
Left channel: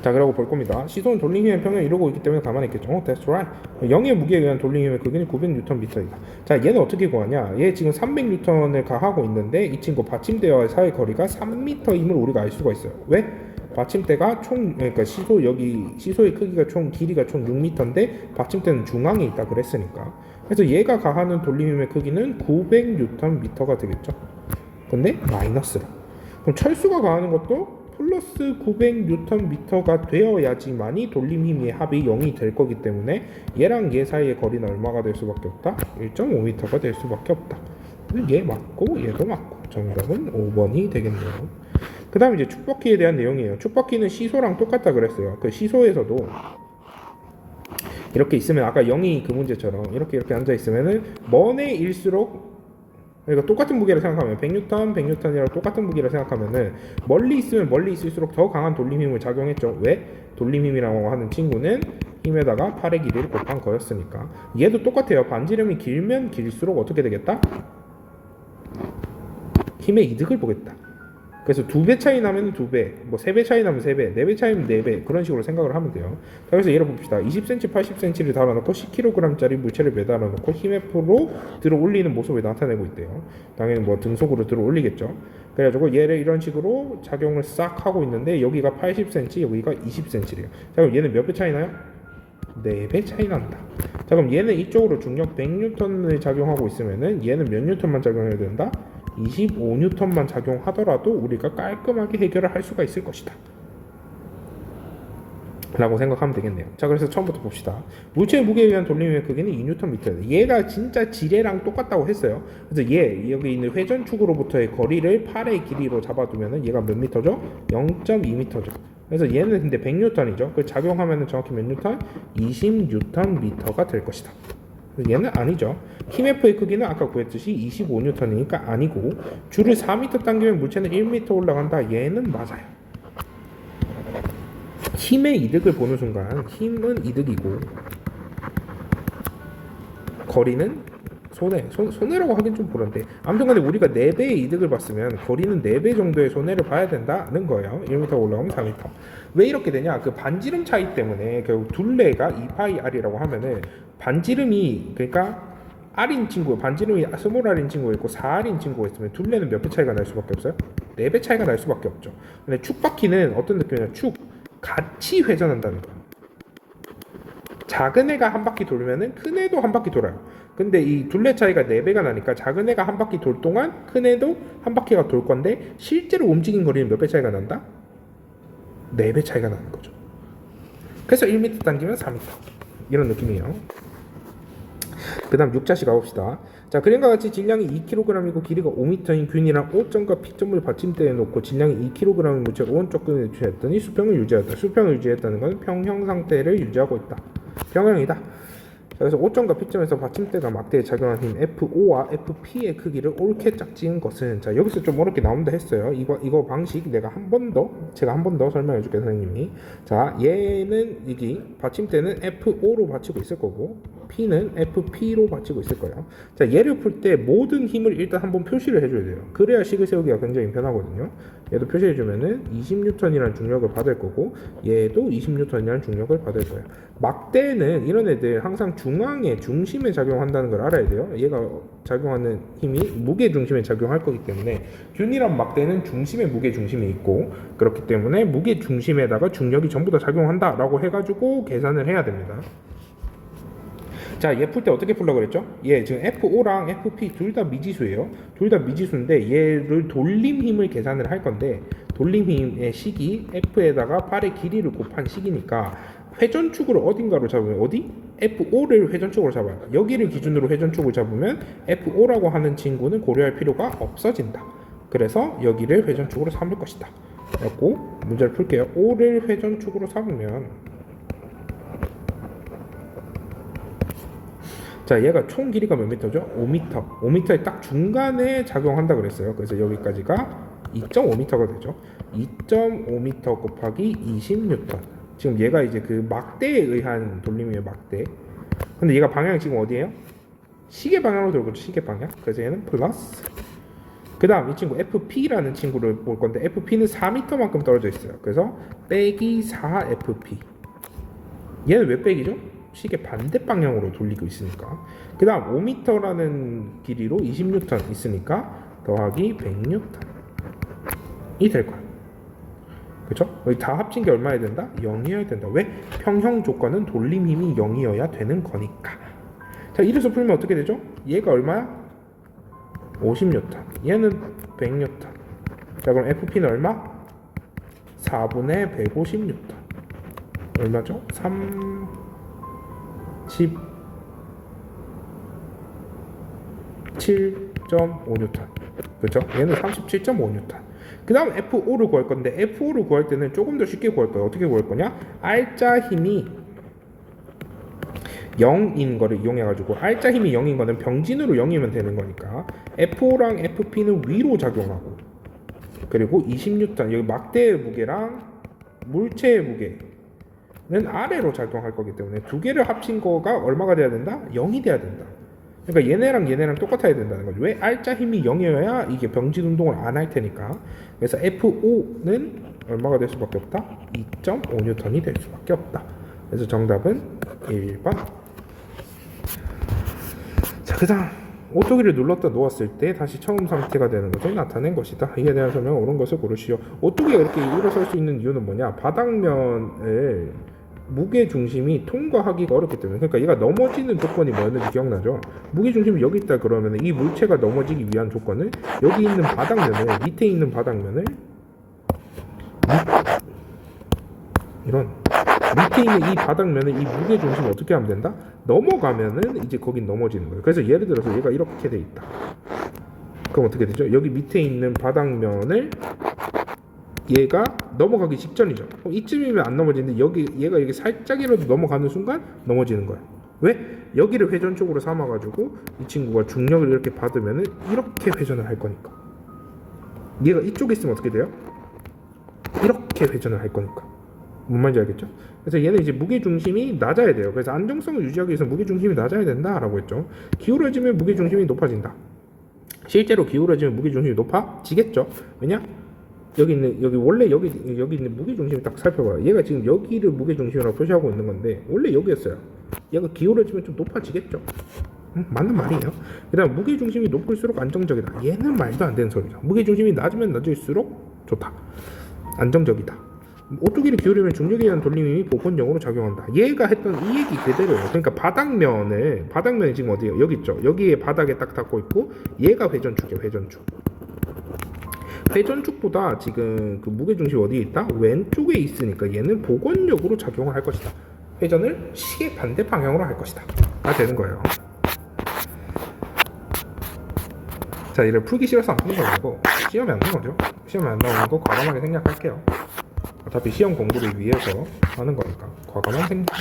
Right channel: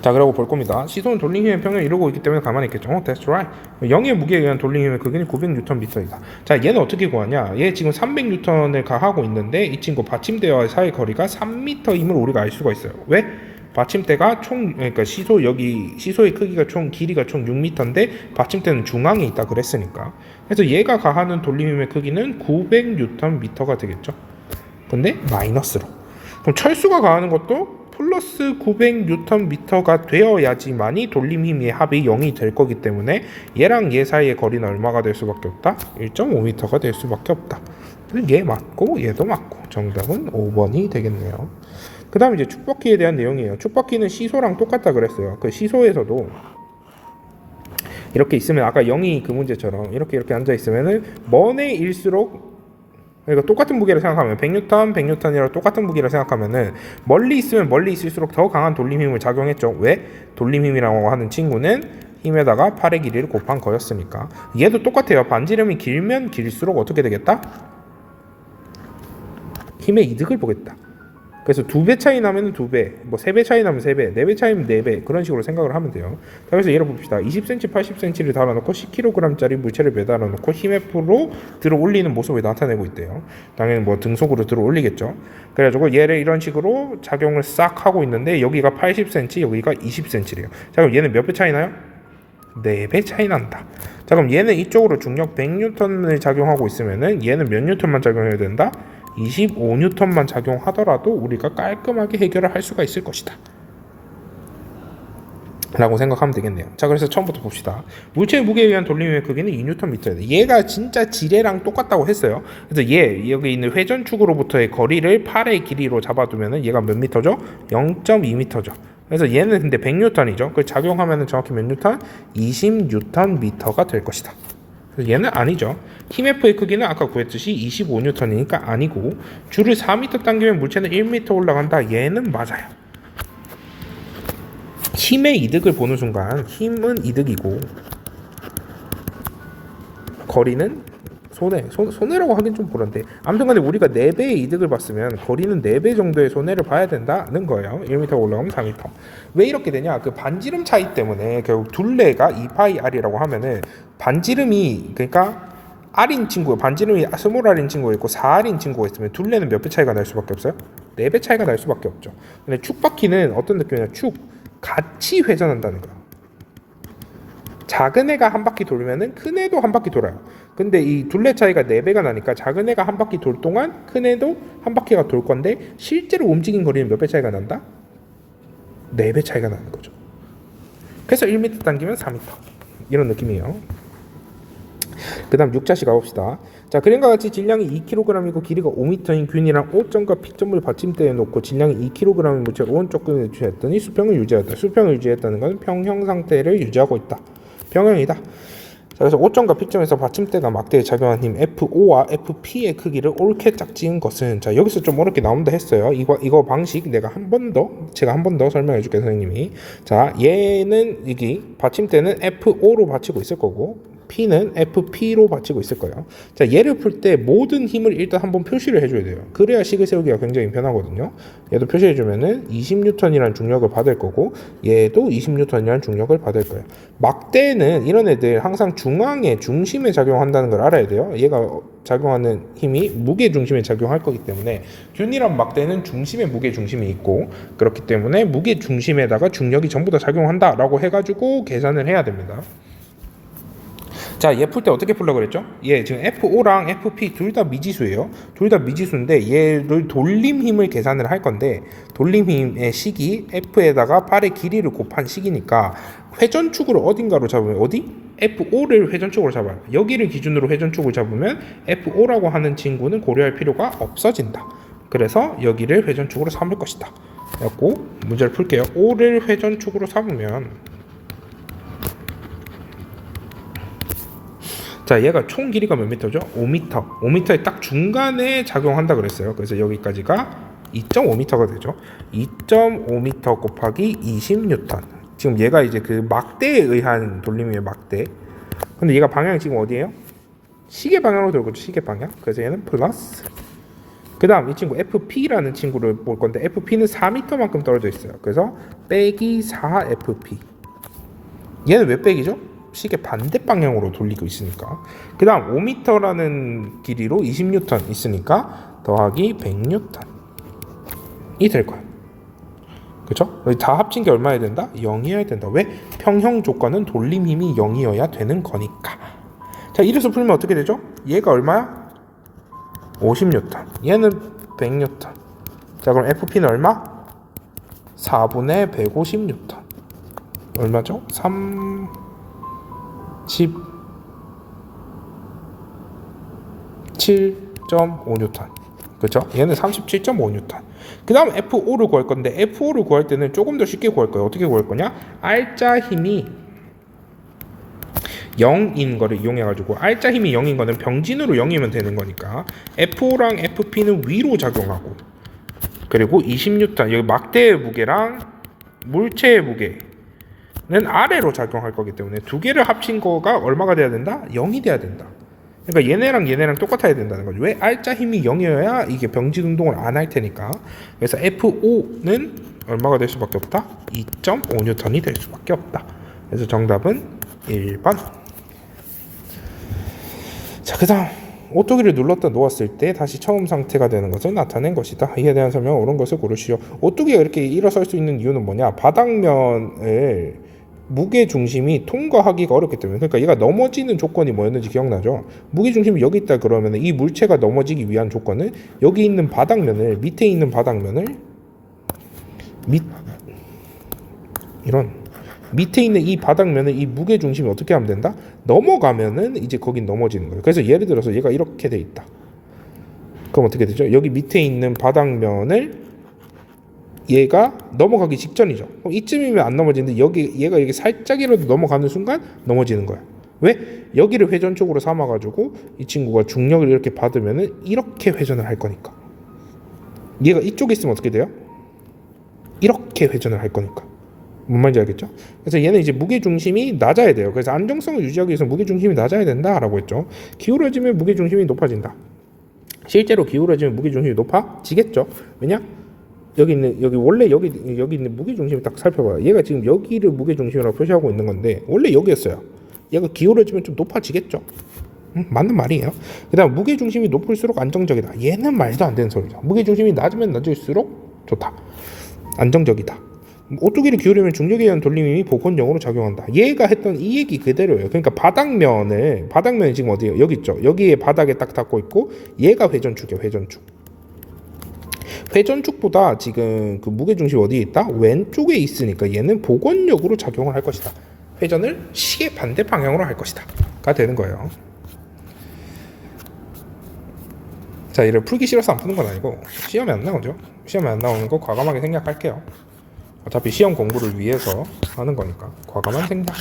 자, 그러고 볼 겁니다. 시소는 돌림힘의 평형을 이루고 있기 때문에 가만히 있겠죠. That's right. 0의 무게에 의한 돌림힘의 크기는 900Nm이다. 자, 얘는 어떻게 구하냐? 얘 지금 300N을 가하고 있는데 이 친구 받침대와 사이 거리가 3m임을 우리가 알 수가 있어요. 왜? 받침대가 그러니까 시소의 크기가 길이가 총 6m인데 받침대는 중앙에 있다 그랬으니까. 그래서 얘가 가하는 돌림힘의 크기는 900Nm가 되겠죠. 근데 마이너스로. 그럼 철수가 가하는 것도 플러스 900Nm가 되어야지만이 돌림힘의 합이 0이 될 거기 때문에 얘랑 얘 사이의 거리는 얼마가 될 수밖에 없다? 1.5m가 될 수밖에 없다. 얘 맞고 얘도 맞고 정답은 5번이 되겠네요. 그 다음에 이제 축바퀴에 대한 내용이에요. 축바퀴는 시소랑 똑같다 그랬어요. 그 시소에서도 이렇게 있으면 아까 0이 그 문제처럼 이렇게 앉아 있으면은 먼애일수록 그러니까 똑같은 무게를 생각하면 100N, 100N이랑 똑같은 무게를 생각하면은 멀리 있으면 멀리 있을수록 더 강한 돌림힘을 작용했죠. 왜? 돌림힘이라고 하는 친구는 힘에다가 팔의 길이를 곱한 거였으니까. 얘도 똑같아요. 반지름이 길면 길수록 어떻게 되겠다? 힘의 이득을 보겠다. 그래서 2배 차이 나면 2배, 뭐 3배 차이 나면 3배, 4배 차이면 4배 그런 식으로 생각을 하면 돼요. 그래서 예를 봅시다. 20cm, 80cm를 달아놓고 10kg짜리 물체를 매달아 놓고 힘의 프로 들어 올리는 모습을 나타내고 있대요. 당연히 뭐 등속으로 들어 올리겠죠. 그래가지고 얘를 이런 식으로 작용을 싹 하고 있는데 여기가 80cm, 여기가 20cm래요. 자, 그럼 얘는 몇 배 차이 나요? 4배 차이 난다. 자, 그럼 얘는 이쪽으로 중력 100N을 작용하고 있으면은 얘는 몇 N만 작용해야 된다? 25N만 작용하더라도 우리가 깔끔하게 해결을 할 수가 있을 것이다 라고 생각하면 되겠네요. 자, 그래서 처음부터 봅시다. 물체의 무게에 의한 돌림의 크기는 2Nm예요. 얘가 진짜 지뢰랑 똑같다고 했어요. 그래서 여기 있는 회전축으로부터의 거리를 팔의 길이로 잡아두면은 얘가 몇 미터죠? 0.2m죠. 그래서 얘는 근데 100N이죠. 그 작용하면은 정확히 몇 N? 20Nm가 될 것이다. 얘는 아니죠. 힘 F의 크기는 아까 구했듯이 25N이니까 아니고 줄을 4m 당기면 물체는 1m 올라간다. 얘는 맞아요. 힘의 이득을 보는 순간 힘은 이득이고 거리는 손해라고 하긴 좀 그런데 아무튼 간에 우리가 4배의 이득을 봤으면 거리는 4배 정도의 손해를 봐야 된다는 거예요. 1m 올라가면 4m. 왜 이렇게 되냐? 그 반지름 차이 때문에 결국 둘레가 2파이 R이라고 하면은 반지름이 그러니까 R인 친구, 반지름이 스몰 R인 친구가 있고 4R인 친구가 있으면 둘레는 몇 배 차이가 날 수밖에 없어요? 4배 차이가 날 수밖에 없죠. 근데 축바퀴는 어떤 느낌이냐? 같이 회전한다는 거예요. 작은 애가 한 바퀴 돌면은 큰 애도 한 바퀴 돌아요. 근데 이 둘레 차이가 4배가 나니까 작은 애가 한 바퀴 돌 동안 큰 애도 한 바퀴가 돌 건데 실제로 움직인 거리는 몇 배 차이가 난다? 4배 차이가 나는 거죠. 그래서 1m 당기면 4m 이런 느낌이에요. 그 다음 6자씩 가봅시다. 자, 그림과 같이 질량이 2kg이고 길이가 5m인 균이랑 O점과 P점을 받침대에 놓고 질량이 2kg인 물체를 오른쪽 끈에 유지했더니 수평을 유지했다. 수평을 유지했다는 것은 평형 상태를 유지하고 있다. 평형이다. 자, 그래서 O점과 P점에서 받침대가 막대에 작용한 힘 FO와 FP의 크기를 옳게 짝지은 것은, 자, 여기서 좀 어렵게 나온다 했어요. 이거 방식 제가 한 번 더 설명해 줄게요, 선생님이. 자, 얘는 여기 받침대는 FO로 받치고 있을 거고 P는 FP로 받치고 있을 거예요. 자, 얘를 풀 때 모든 힘을 일단 한번 표시를 해줘야 돼요. 그래야 식을 세우기가 굉장히 편하거든요. 얘도 표시해주면은 20N이라는 중력을 받을 거고 얘도 20N이라는 중력을 받을 거예요. 막대는 이런 애들 항상 중앙에 중심에 작용한다는 걸 알아야 돼요. 얘가 작용하는 힘이 무게 중심에 작용할 거기 때문에 균이란 막대는 중심에 무게 중심이 있고 그렇기 때문에 무게 중심에다가 중력이 전부 다 작용한다라고 해가지고 계산을 해야 됩니다. 자, 얘 풀 때 어떻게 풀려고 그랬죠? 얘 지금 FO랑 FP 둘 다 미지수예요. 둘 다 미지수인데 얘를 돌림 힘을 계산을 할 건데 돌림 힘의 식이 F에다가 팔의 길이를 곱한 식이니까 회전축으로 어딘가로 잡으면 어디? FO를 회전축으로 잡아요. 여기를 기준으로 회전축을 잡으면 FO라고 하는 친구는 고려할 필요가 없어진다. 그래서 여기를 회전축으로 삼을 것이다. 그래갖고 문제를 풀게요. O를 회전축으로 삼으면, 자, 얘가 총 길이가 몇 미터죠? 5m. 5m의 딱 중간에 작용한다 그랬어요. 그래서 여기까지가 2.5m가 되죠. 2.5m 곱하기 20N. 지금 얘가 이제 그 막대에 의한 돌림의 막대. 근데 얘가 방향이 지금 어디예요? 시계 방향으로 돌고 있죠. 시계 방향. 그래서 얘는 플러스. 그 다음 이 친구 FP라는 친구를 볼 건데 FP는 4m만큼 떨어져 있어요. 그래서 빼기 4FP. 얘는 왜 빼기죠? 시계 반대 방향으로 돌리고 있으니까. 그 다음 5m라는 길이로 20N 있으니까 더하기 100N이 될 거예요. 그렇죠? 다 합친 게 얼마여야 된다? 0이어야 된다. 왜? 평형 조건은 돌림 힘이 0이어야 되는 거니까. 자, 이래서 풀면 어떻게 되죠? 얘가 얼마야? 50N. 얘는 100N. 자, 그럼 FP는 얼마? 4분의 150N. 얼마죠? 37.5N. 그렇죠? 얘는 37.5N. 그 다음 FO를 구할 건데 FO를 구할 때는 조금 더 쉽게 구할 거예요. 어떻게 구할 거냐? R자 힘이 0인 거를 이용해 가지고, R자 힘이 0인 거는 병진으로 0이면 되는 거니까 FO랑 FP는 위로 작용하고, 그리고 20N 여기 막대의 무게랑 물체의 무게 는 아래로 작용할 거기 때문에 두 개를 합친 거가 얼마가 돼야 된다? 0이 돼야 된다. 그러니까 얘네랑 똑같아야 된다는 거죠. 왜? R자 힘이 0이어야 이게 병진 운동을 안 할 테니까. 그래서 FO는 얼마가 될 수밖에 없다? 2.5N이 될 수밖에 없다. 그래서 정답은 1번. 자, 그 다음 오뚜기를 눌렀다 놓았을 때 다시 처음 상태가 되는 것을 나타낸 것이다. 이에 대한 설명 옳은 것을 고르시오. 오뚜기가 이렇게 일어설 수 있는 이유는 뭐냐? 바닥면을 무게 중심이 통과하기가 어렵기 때문에. 그러니까 얘가 넘어지는 조건이 뭐였는지 기억나죠? 무게 중심이 여기 있다 그러면 이 물체가 넘어지기 위한 조건은 여기 있는 바닥면을, 밑에 있는 바닥면을 밑에 있는 이 바닥면을 이 무게 중심이 어떻게 하면 된다? 넘어가면은 이제 거긴 넘어지는 거예요. 그래서 예를 들어서 얘가 이렇게 돼 있다. 그럼 어떻게 되죠? 여기 밑에 있는 바닥면을 얘가 넘어가기 직전이죠. 그럼 이쯤이면 안 넘어지는데 얘가 여기 살짝이라도 넘어가는 순간 넘어지는 거야. 왜? 여기를 회전쪽으로 삼아가지고 이 친구가 중력을 이렇게 받으면은 이렇게 회전을 할 거니까. 얘가 이쪽에 있으면 어떻게 돼요? 이렇게 회전을 할 거니까. 뭔 말인지 알겠죠? 그래서 얘는 이제 무게 중심이 낮아야 돼요. 그래서 안정성을 유지하기 위해서 무게 중심이 낮아야 된다라고 했죠. 기울어지면 무게 중심이 높아진다. 실제로 기울어지면 무게 중심이 높아지겠죠. 왜냐? 여기 원래 여기 있는 무게 중심을 딱 살펴봐요. 얘가 지금 여기를 무게 중심이라고 표시하고 있는 건데 원래 여기였어요. 얘가 기울어지면 좀 높아지겠죠. 맞는 말이에요. 그다음 무게 중심이 높을수록 안정적이다. 얘는 말도 안 되는 소리죠. 무게 중심이 낮으면 낮을수록 좋다. 안정적이다. 오뚜기를 기울이면 중력에 의한 돌림이 복원력으로 작용한다. 얘가 했던 이 얘기 그대로예요. 그러니까 바닥면이 지금 어디예요? 여기 있죠. 여기에 바닥에 딱 닿고 있고 얘가 회전축이에요. 회전축보다 지금 그 무게중심이 어디에 있다? 왼쪽에 있으니까 얘는 복원력으로 작용을 할 것이다. 회전을 시계 반대 방향으로 할 것이다. 가 되는 거예요. 자, 얘를 풀기 싫어서 안 푸는 건 아니고 시험에 안 나오죠. 시험에 안 나오는 거 과감하게 생략할게요. 어차피 시험 공부를 위해서 하는 거니까 과감한 생각.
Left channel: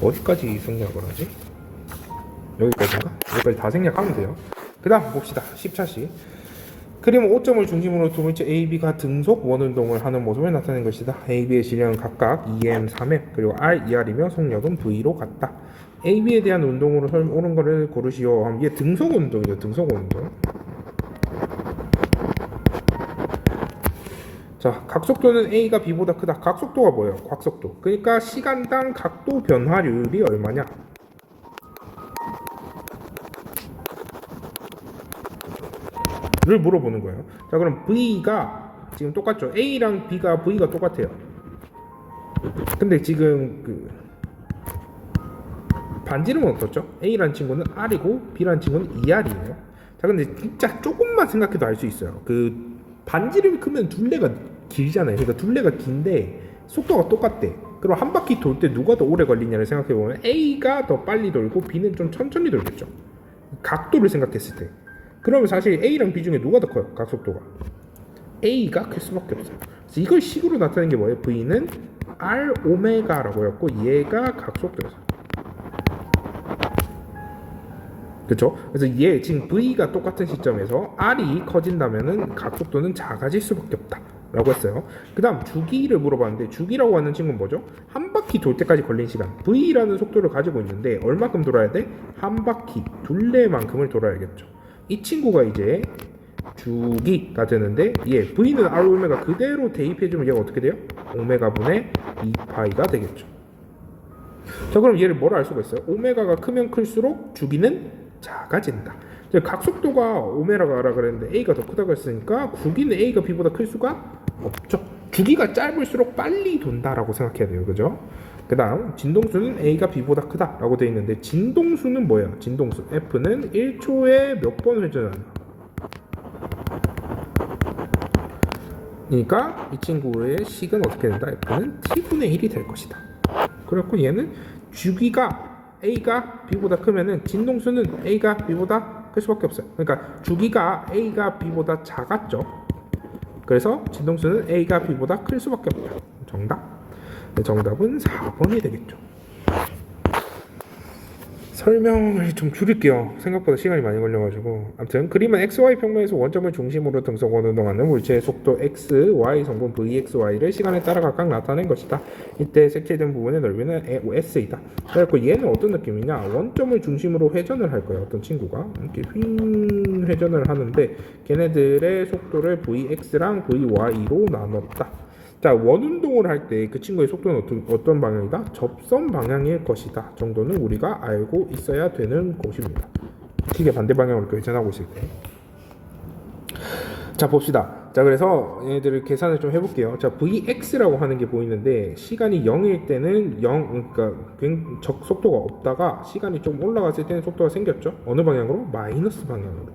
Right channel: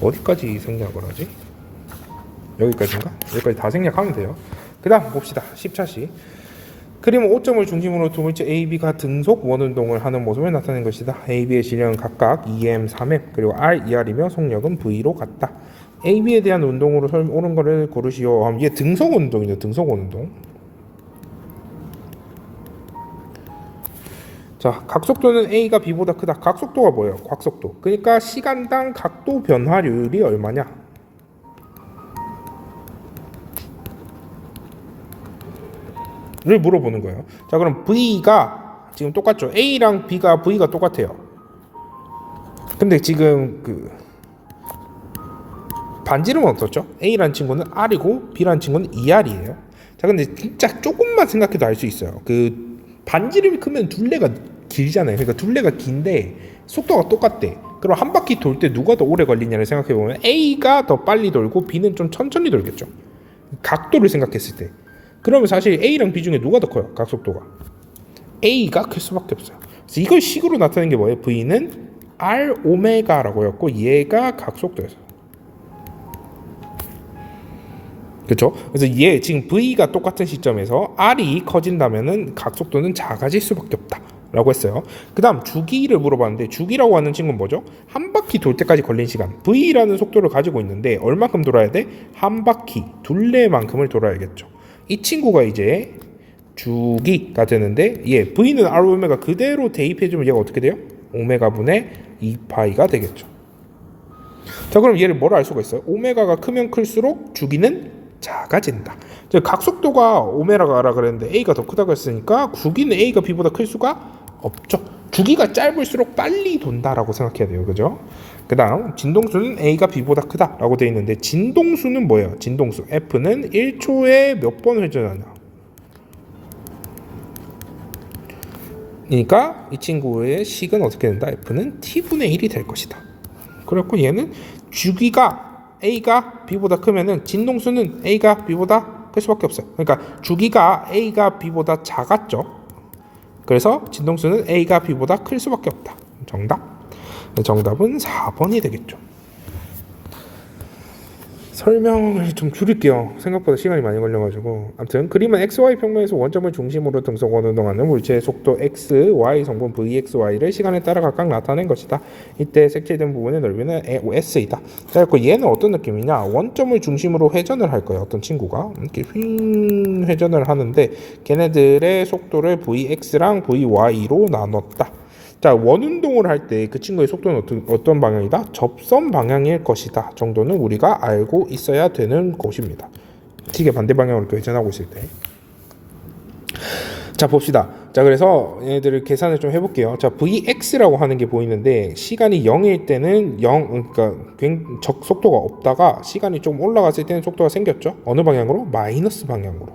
어디까지 생략을 하지? 여기까지인가? 여기까지 다 생략하면 돼요. 그 다음 봅시다. 10차시. 그림 5점을 중심으로 두 번째 AB가 등속 원운동을 하는 모습을 나타낸 것이다. AB의 질량은 각각 2M, 3M, 그리고 R, 2R이며 속력은 V로 같다. AB에 대한 운동으로 옳은 거를 고르시오. 이게 등속 운동이죠. 등속 운동. 자, 각속도는 A가 B보다 크다. 각속도가 뭐예요? 각속도. 그러니까 시간당 각도 변화율이 얼마냐? 를 물어보는 거예요. 자, 그럼 V가 지금 똑같죠? A랑 V가 똑같아요. 근데 지금 그 반지름은 어떻죠? A라는 친구는 R이고 B라는 친구는 2R이에요. 자, 근데 진짜 조금만 생각해도 알 수 있어요. 그 반지름이 크면 둘레가 길잖아요. 그러니까 둘레가 긴데 속도가 똑같대. 그럼 한 바퀴 돌 때 누가 더 오래 걸리냐를 생각해 보면 A가 더 빨리 돌고 B는 좀 천천히 돌겠죠. 각도를 생각했을 때. 그러면 사실 A랑 B 중에 누가 더 커요? 각속도가 A가 클 수밖에 없어요. 그래서 이걸 식으로 나타낸 게 뭐예요? V는 R 오메가라고 했고 얘가 각속도였어요. 그렇죠? 그래서 얘 지금 V가 똑같은 시점에서 R이 커진다면은 각속도는 작아질 수밖에 없다 라고 했어요. 그 다음 주기를 물어봤는데 주기라고 하는 친구는 뭐죠? 한 바퀴 돌 때까지 걸린 시간. V라는 속도를 가지고 있는데 얼마큼 돌아야 돼? 한 바퀴 둘레만큼을 돌아야겠죠. 이 친구가 이제 주기가 되는데 얘 V는 R 오메가 그대로 대입해주면 얘가 어떻게 돼요? 오메가 분의 2파이가 되겠죠. 자, 그럼 얘를 뭐라 알 수가 있어요? 오메가가 크면 클수록 주기는 작아진다. 각속도가 오메가라 그랬는데 A가 더 크다고 했으니까 주기는 A가 B보다 클 수가 없죠. 주기가 짧을수록 빨리 돈다라고 생각해야 돼요. 그죠? 그 다음 진동수는 A가 B보다 크다라고 되어 있는데 진동수는 뭐예요? 진동수 F는 1초에 몇 번 회전하냐. 그러니까 이 친구의 식은 어떻게 된다? F는 T분의 1이 될 것이다. 그렇고 얘는 주기가 A가 B보다 크면은 진동수는 A가 B보다 클 수밖에 없어요. 그러니까 주기가 A가 B보다 작았죠. 그래서 진동수는 A가 B보다 클 수밖에 없다. 정답. 정답은 4번이 되겠죠. 설명을 좀 줄일게요. 생각보다 시간이 많이 걸려가지고. 아무튼 그림은 XY 평면에서 원점을 중심으로 등속 원운동하는 물체의 속도 X, Y 성분 VXY를 시간에 따라 각각 나타낸 것이다. 이때 색칠된 부분의 넓이는 S이다. 그래서 얘는 어떤 느낌이냐? 원점을 중심으로 회전을 할 거예요. 어떤 친구가 이렇게 휙 회전을 하는데 걔네들의 속도를 VX랑 VY로 나눴다. 자, 원운동을 할 때 그 친구의 속도는 어떤 방향이다? 접선 방향일 것이다 정도는 우리가 알고 있어야 되는 것입니다. 시계 반대 방향으로 회전하고 있을 때. 자, 봅시다. 자, 그래서 얘네들을 계산을 좀 해볼게요. 자, Vx라고 하는 게 보이는데 시간이 0일 때는 0, 그러니까 속도가 없다가 시간이 좀 올라갔을 때는 속도가 생겼죠. 어느 방향으로? 마이너스 방향으로.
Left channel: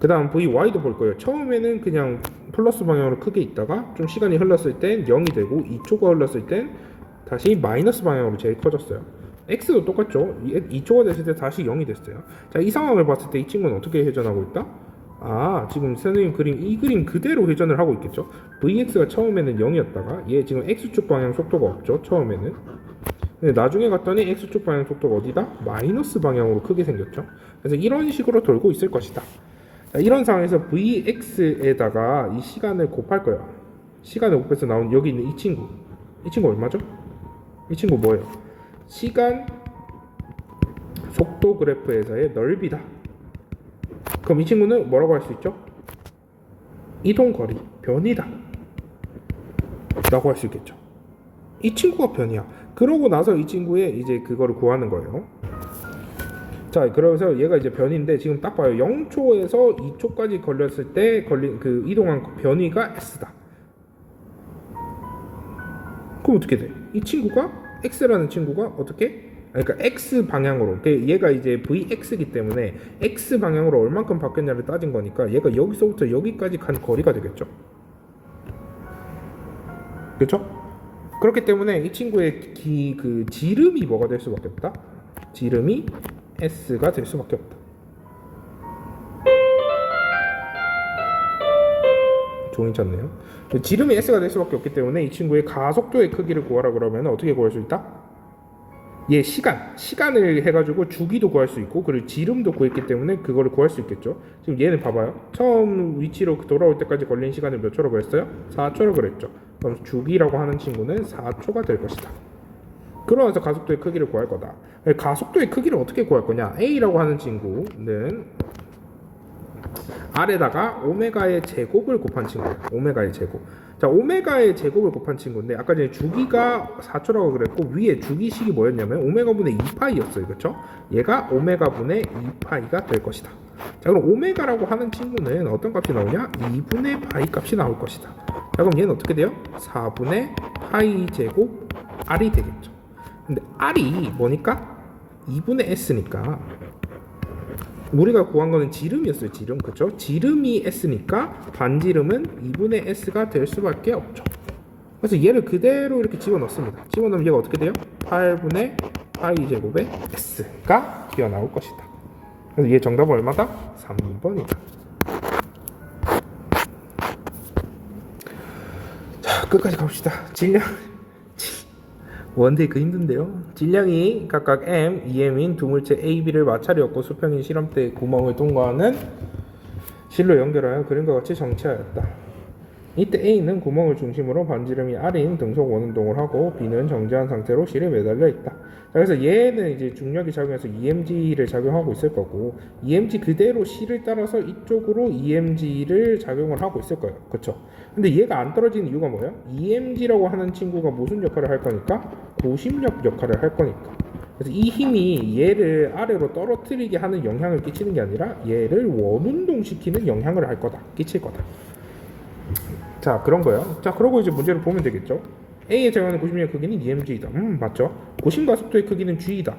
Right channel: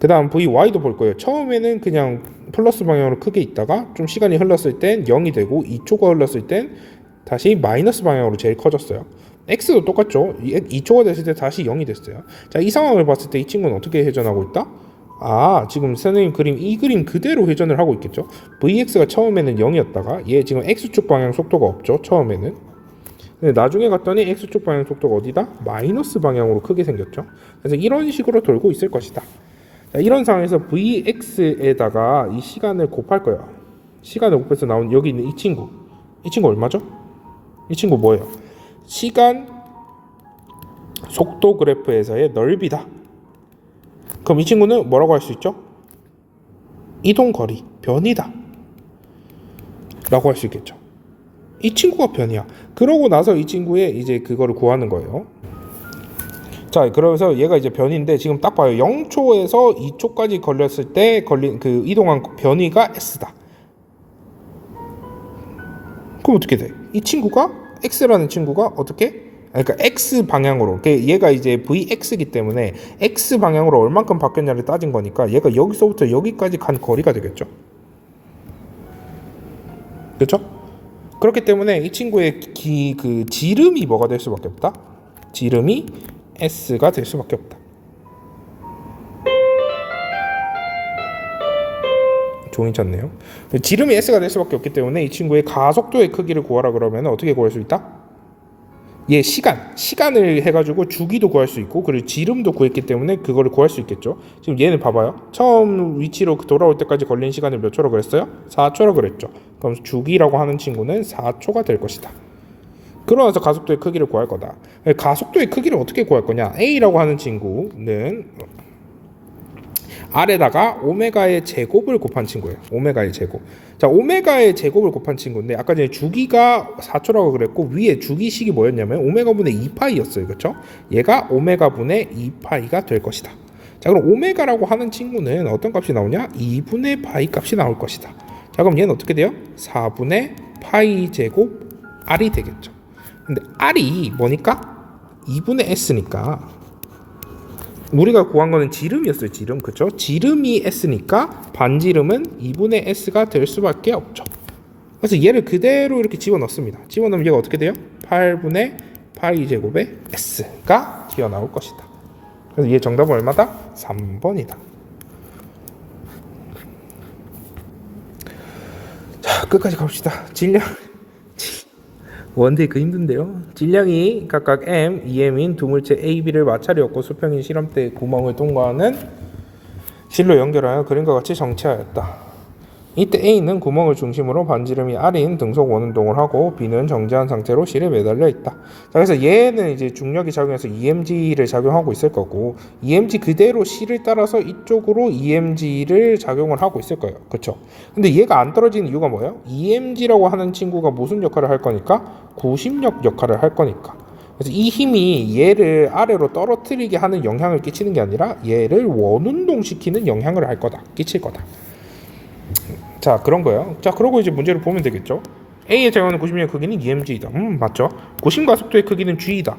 그 다음 VY도 볼 거예요. 처음에는 그냥 플러스 방향으로 크게 있다가 좀 시간이 흘렀을 땐 0이 되고 2초가 흘렀을 땐 다시 마이너스 방향으로 제일 커졌어요. X도 똑같죠. 2초가 됐을 때 다시 0이 됐어요. 자, 이 상황을 봤을 때 이 친구는 어떻게 회전하고 있다? 아, 지금 선생님 이 그림 그대로 회전을 하고 있겠죠. VX가 처음에는 0이었다가 얘 지금 X축 방향 속도가 없죠. 처음에는. 근데 나중에 갔더니 X축 방향 속도가 어디다? 마이너스 방향으로 크게 생겼죠. 그래서 이런 식으로 돌고 있을 것이다. 자, 이런 상황에서 Vx에다가 이 시간을 곱할 거야. 시간을 곱해서 나온 여기 있는 이 친구 얼마죠? 이 친구 뭐예요? 시간 속도 그래프에서의 넓이다. 그럼 이 친구는 뭐라고 할 수 있죠? 이동거리, 변이다 라고 할 수 있겠죠. 이 친구가 변이야. 그러고 나서 이 친구의 이제 그거를 구하는 거예요. 자, 그래서 얘가 이제 변인데 지금 딱 봐요. 0초에서 2초까지 걸렸을 때 걸린 그 이동한 변이가 S다. 그럼 어떻게 돼? 이 친구가 x라는 친구가 어떻게? 그러니까 x 방향으로 얘가 이제 vx이기 때문에 x 방향으로 얼만큼 바뀌었냐를 따진 거니까 얘가 여기서부터 여기까지 간 거리가 되겠죠. 그렇죠? 그렇기 때문에 이 친구의 그 지름이 뭐가 될 수밖에 없다. 지름이 s가 될 수밖에 없다. 종이 쳤네요. 지름이 s가 될 수밖에 없기 때문에 이 친구의 가속도의 크기를 구하라 그러면 어떻게 구할 수 있다? 얘 시간을 해가지고 주기도 구할 수 있고 그리고 지름도 구했기 때문에 그거를 구할 수 있겠죠. 지금 얘는 봐봐요. 처음 위치로 돌아올 때까지 걸린 시간을 몇 초라고 그랬어요? 4초라고 그랬죠. 그럼 주기라고 하는 친구는 4초가 될 것이다. 그러면서 가속도의 크기를 구할 거다. 가속도의 크기를 어떻게 구할 거냐? A라고 하는 친구는 R에다가 오메가의 제곱을 곱한 친구예요. 오메가의 제곱. 자, 오메가의 제곱을 곱한 친구인데 아까 전에 주기가 4초라고 그랬고 위에 주기식이 뭐였냐면 오메가분의 2파이였어요. 그렇죠? 얘가 오메가분의 2파이가 될 것이다. 자, 그럼 오메가라고 하는 친구는 어떤 값이 나오냐? 2분의 파이 값이 나올 것이다. 자, 그럼 얘는 어떻게 돼요? 4분의 파이 제곱 R이 되겠죠. 근데 R이 뭐니까? 2분의 S니까 우리가 구한 거는 지름이었어요. 지름. 그렇죠? 지름이 S니까 반지름은 2분의 S가 될 수밖에 없죠. 그래서 얘를 그대로 이렇게 집어넣습니다. 집어넣으면 얘가 어떻게 돼요? 8분의 파이 제곱의 S가 튀어나올 것이다. 그래서 얘 정답은 얼마다? 3번이다. 자, 끝까지 가봅시다. 질량 원데이 그 힘든데요. 질량이 각각 m, 2m인 두 물체 A, B를 마찰이었고 수평인 실험대 구멍을 통과하는 실로 연결하여 그림과 같이 정체하였다. 이때 A는 구멍을 중심으로 반지름이 R인 등속 원운동을 하고 B는 정지한 상태로 실에 매달려 있다. 자, 그래서 얘는 이제 중력이 작용해서 EMG를 작용하고 있을 거고 EMG 그대로 실을 따라서 이쪽으로 EMG를 작용을 하고 있을 거예요. 그렇죠? 근데 얘가 안 떨어지는 이유가 뭐예요? EMG라고 하는 친구가 무슨 역할을 할 거니까? 구심력 역할을 할 거니까. 그래서 이 힘이 얘를 아래로 떨어뜨리게 하는 영향을 끼치는 게 아니라 얘를 원운동시키는 영향을 할 거다. 끼칠 거다. 자, 그런 거예요. 자, 그러고 이제 문제를 보면 되겠죠. A의 작용하는 구심력의 크기는 EMG이다. 맞죠? 구심 가속도의 크기는 G이다.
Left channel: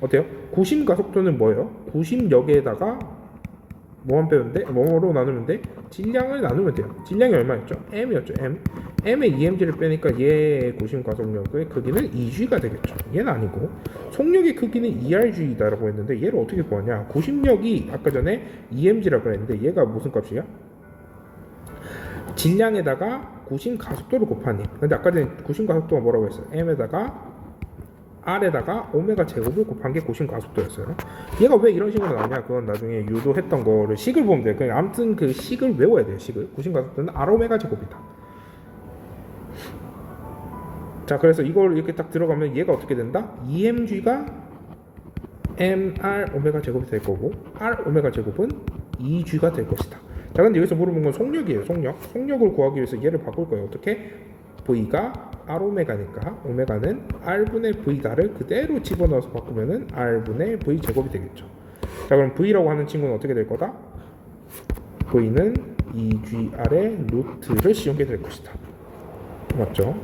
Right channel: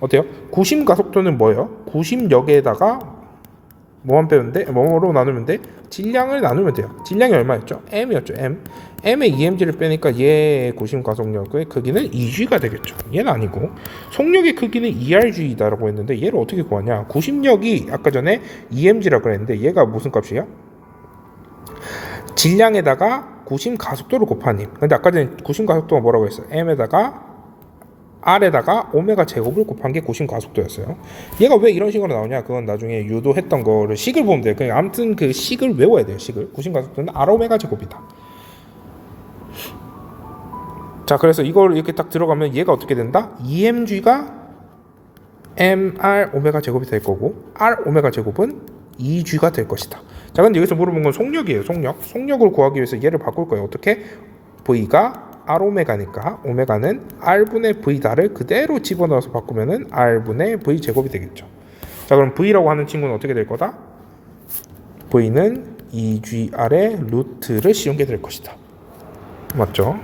어때요? 구심 가속도는 뭐예요? 구심력에다가 뭐만 빼면 돼? 뭐로 나누면 돼? 질량을 나누면 돼요. 질량이 얼마였죠? M이었죠. M의 EMG를 빼니까 얘의 구심 가속력의 크기는 EG가 되겠죠. 얘는 아니고 속력의 크기는 ERG다라고 했는데 얘를 어떻게 구하냐? 구심력이 아까 전에 EMG라고 그랬는데 얘가 무슨 값이야? 질량에다가 구심 가속도를 곱한 힘. 근데 아까 전에 구심 가속도가 뭐라고 했어요? M에다가 R에다가 오메가 제곱을 곱한 게 구심 가속도였어요. 얘가 왜 이런 식으로 나오냐? 그건 나중에 유도했던 거를 식을 보면 돼요. 그냥 아무튼 그 식을 외워야 돼요. 식을. 구심 가속도는 R 오메가 제곱이다. 자, 그래서 이걸 이렇게 딱 들어가면 얘가 어떻게 된다? EMG가 MR 오메가 제곱이 될 거고 R 오메가 제곱은 EG가 될 것이다. 자, 근데 여기서 물어본 건 속력이에요. 속력을 구하기 위해서 얘를 바꿀 거예요. 어떻게? V가 R 오메가니까 오메가는 R분의 V다를 그대로 집어넣어서 바꾸면은 R분의 V 제곱이 되겠죠. 자, 그럼 V라고 하는 친구는 어떻게 될 거다? V는 EGR의 루트를 씌운 게 될 것이다. 맞죠?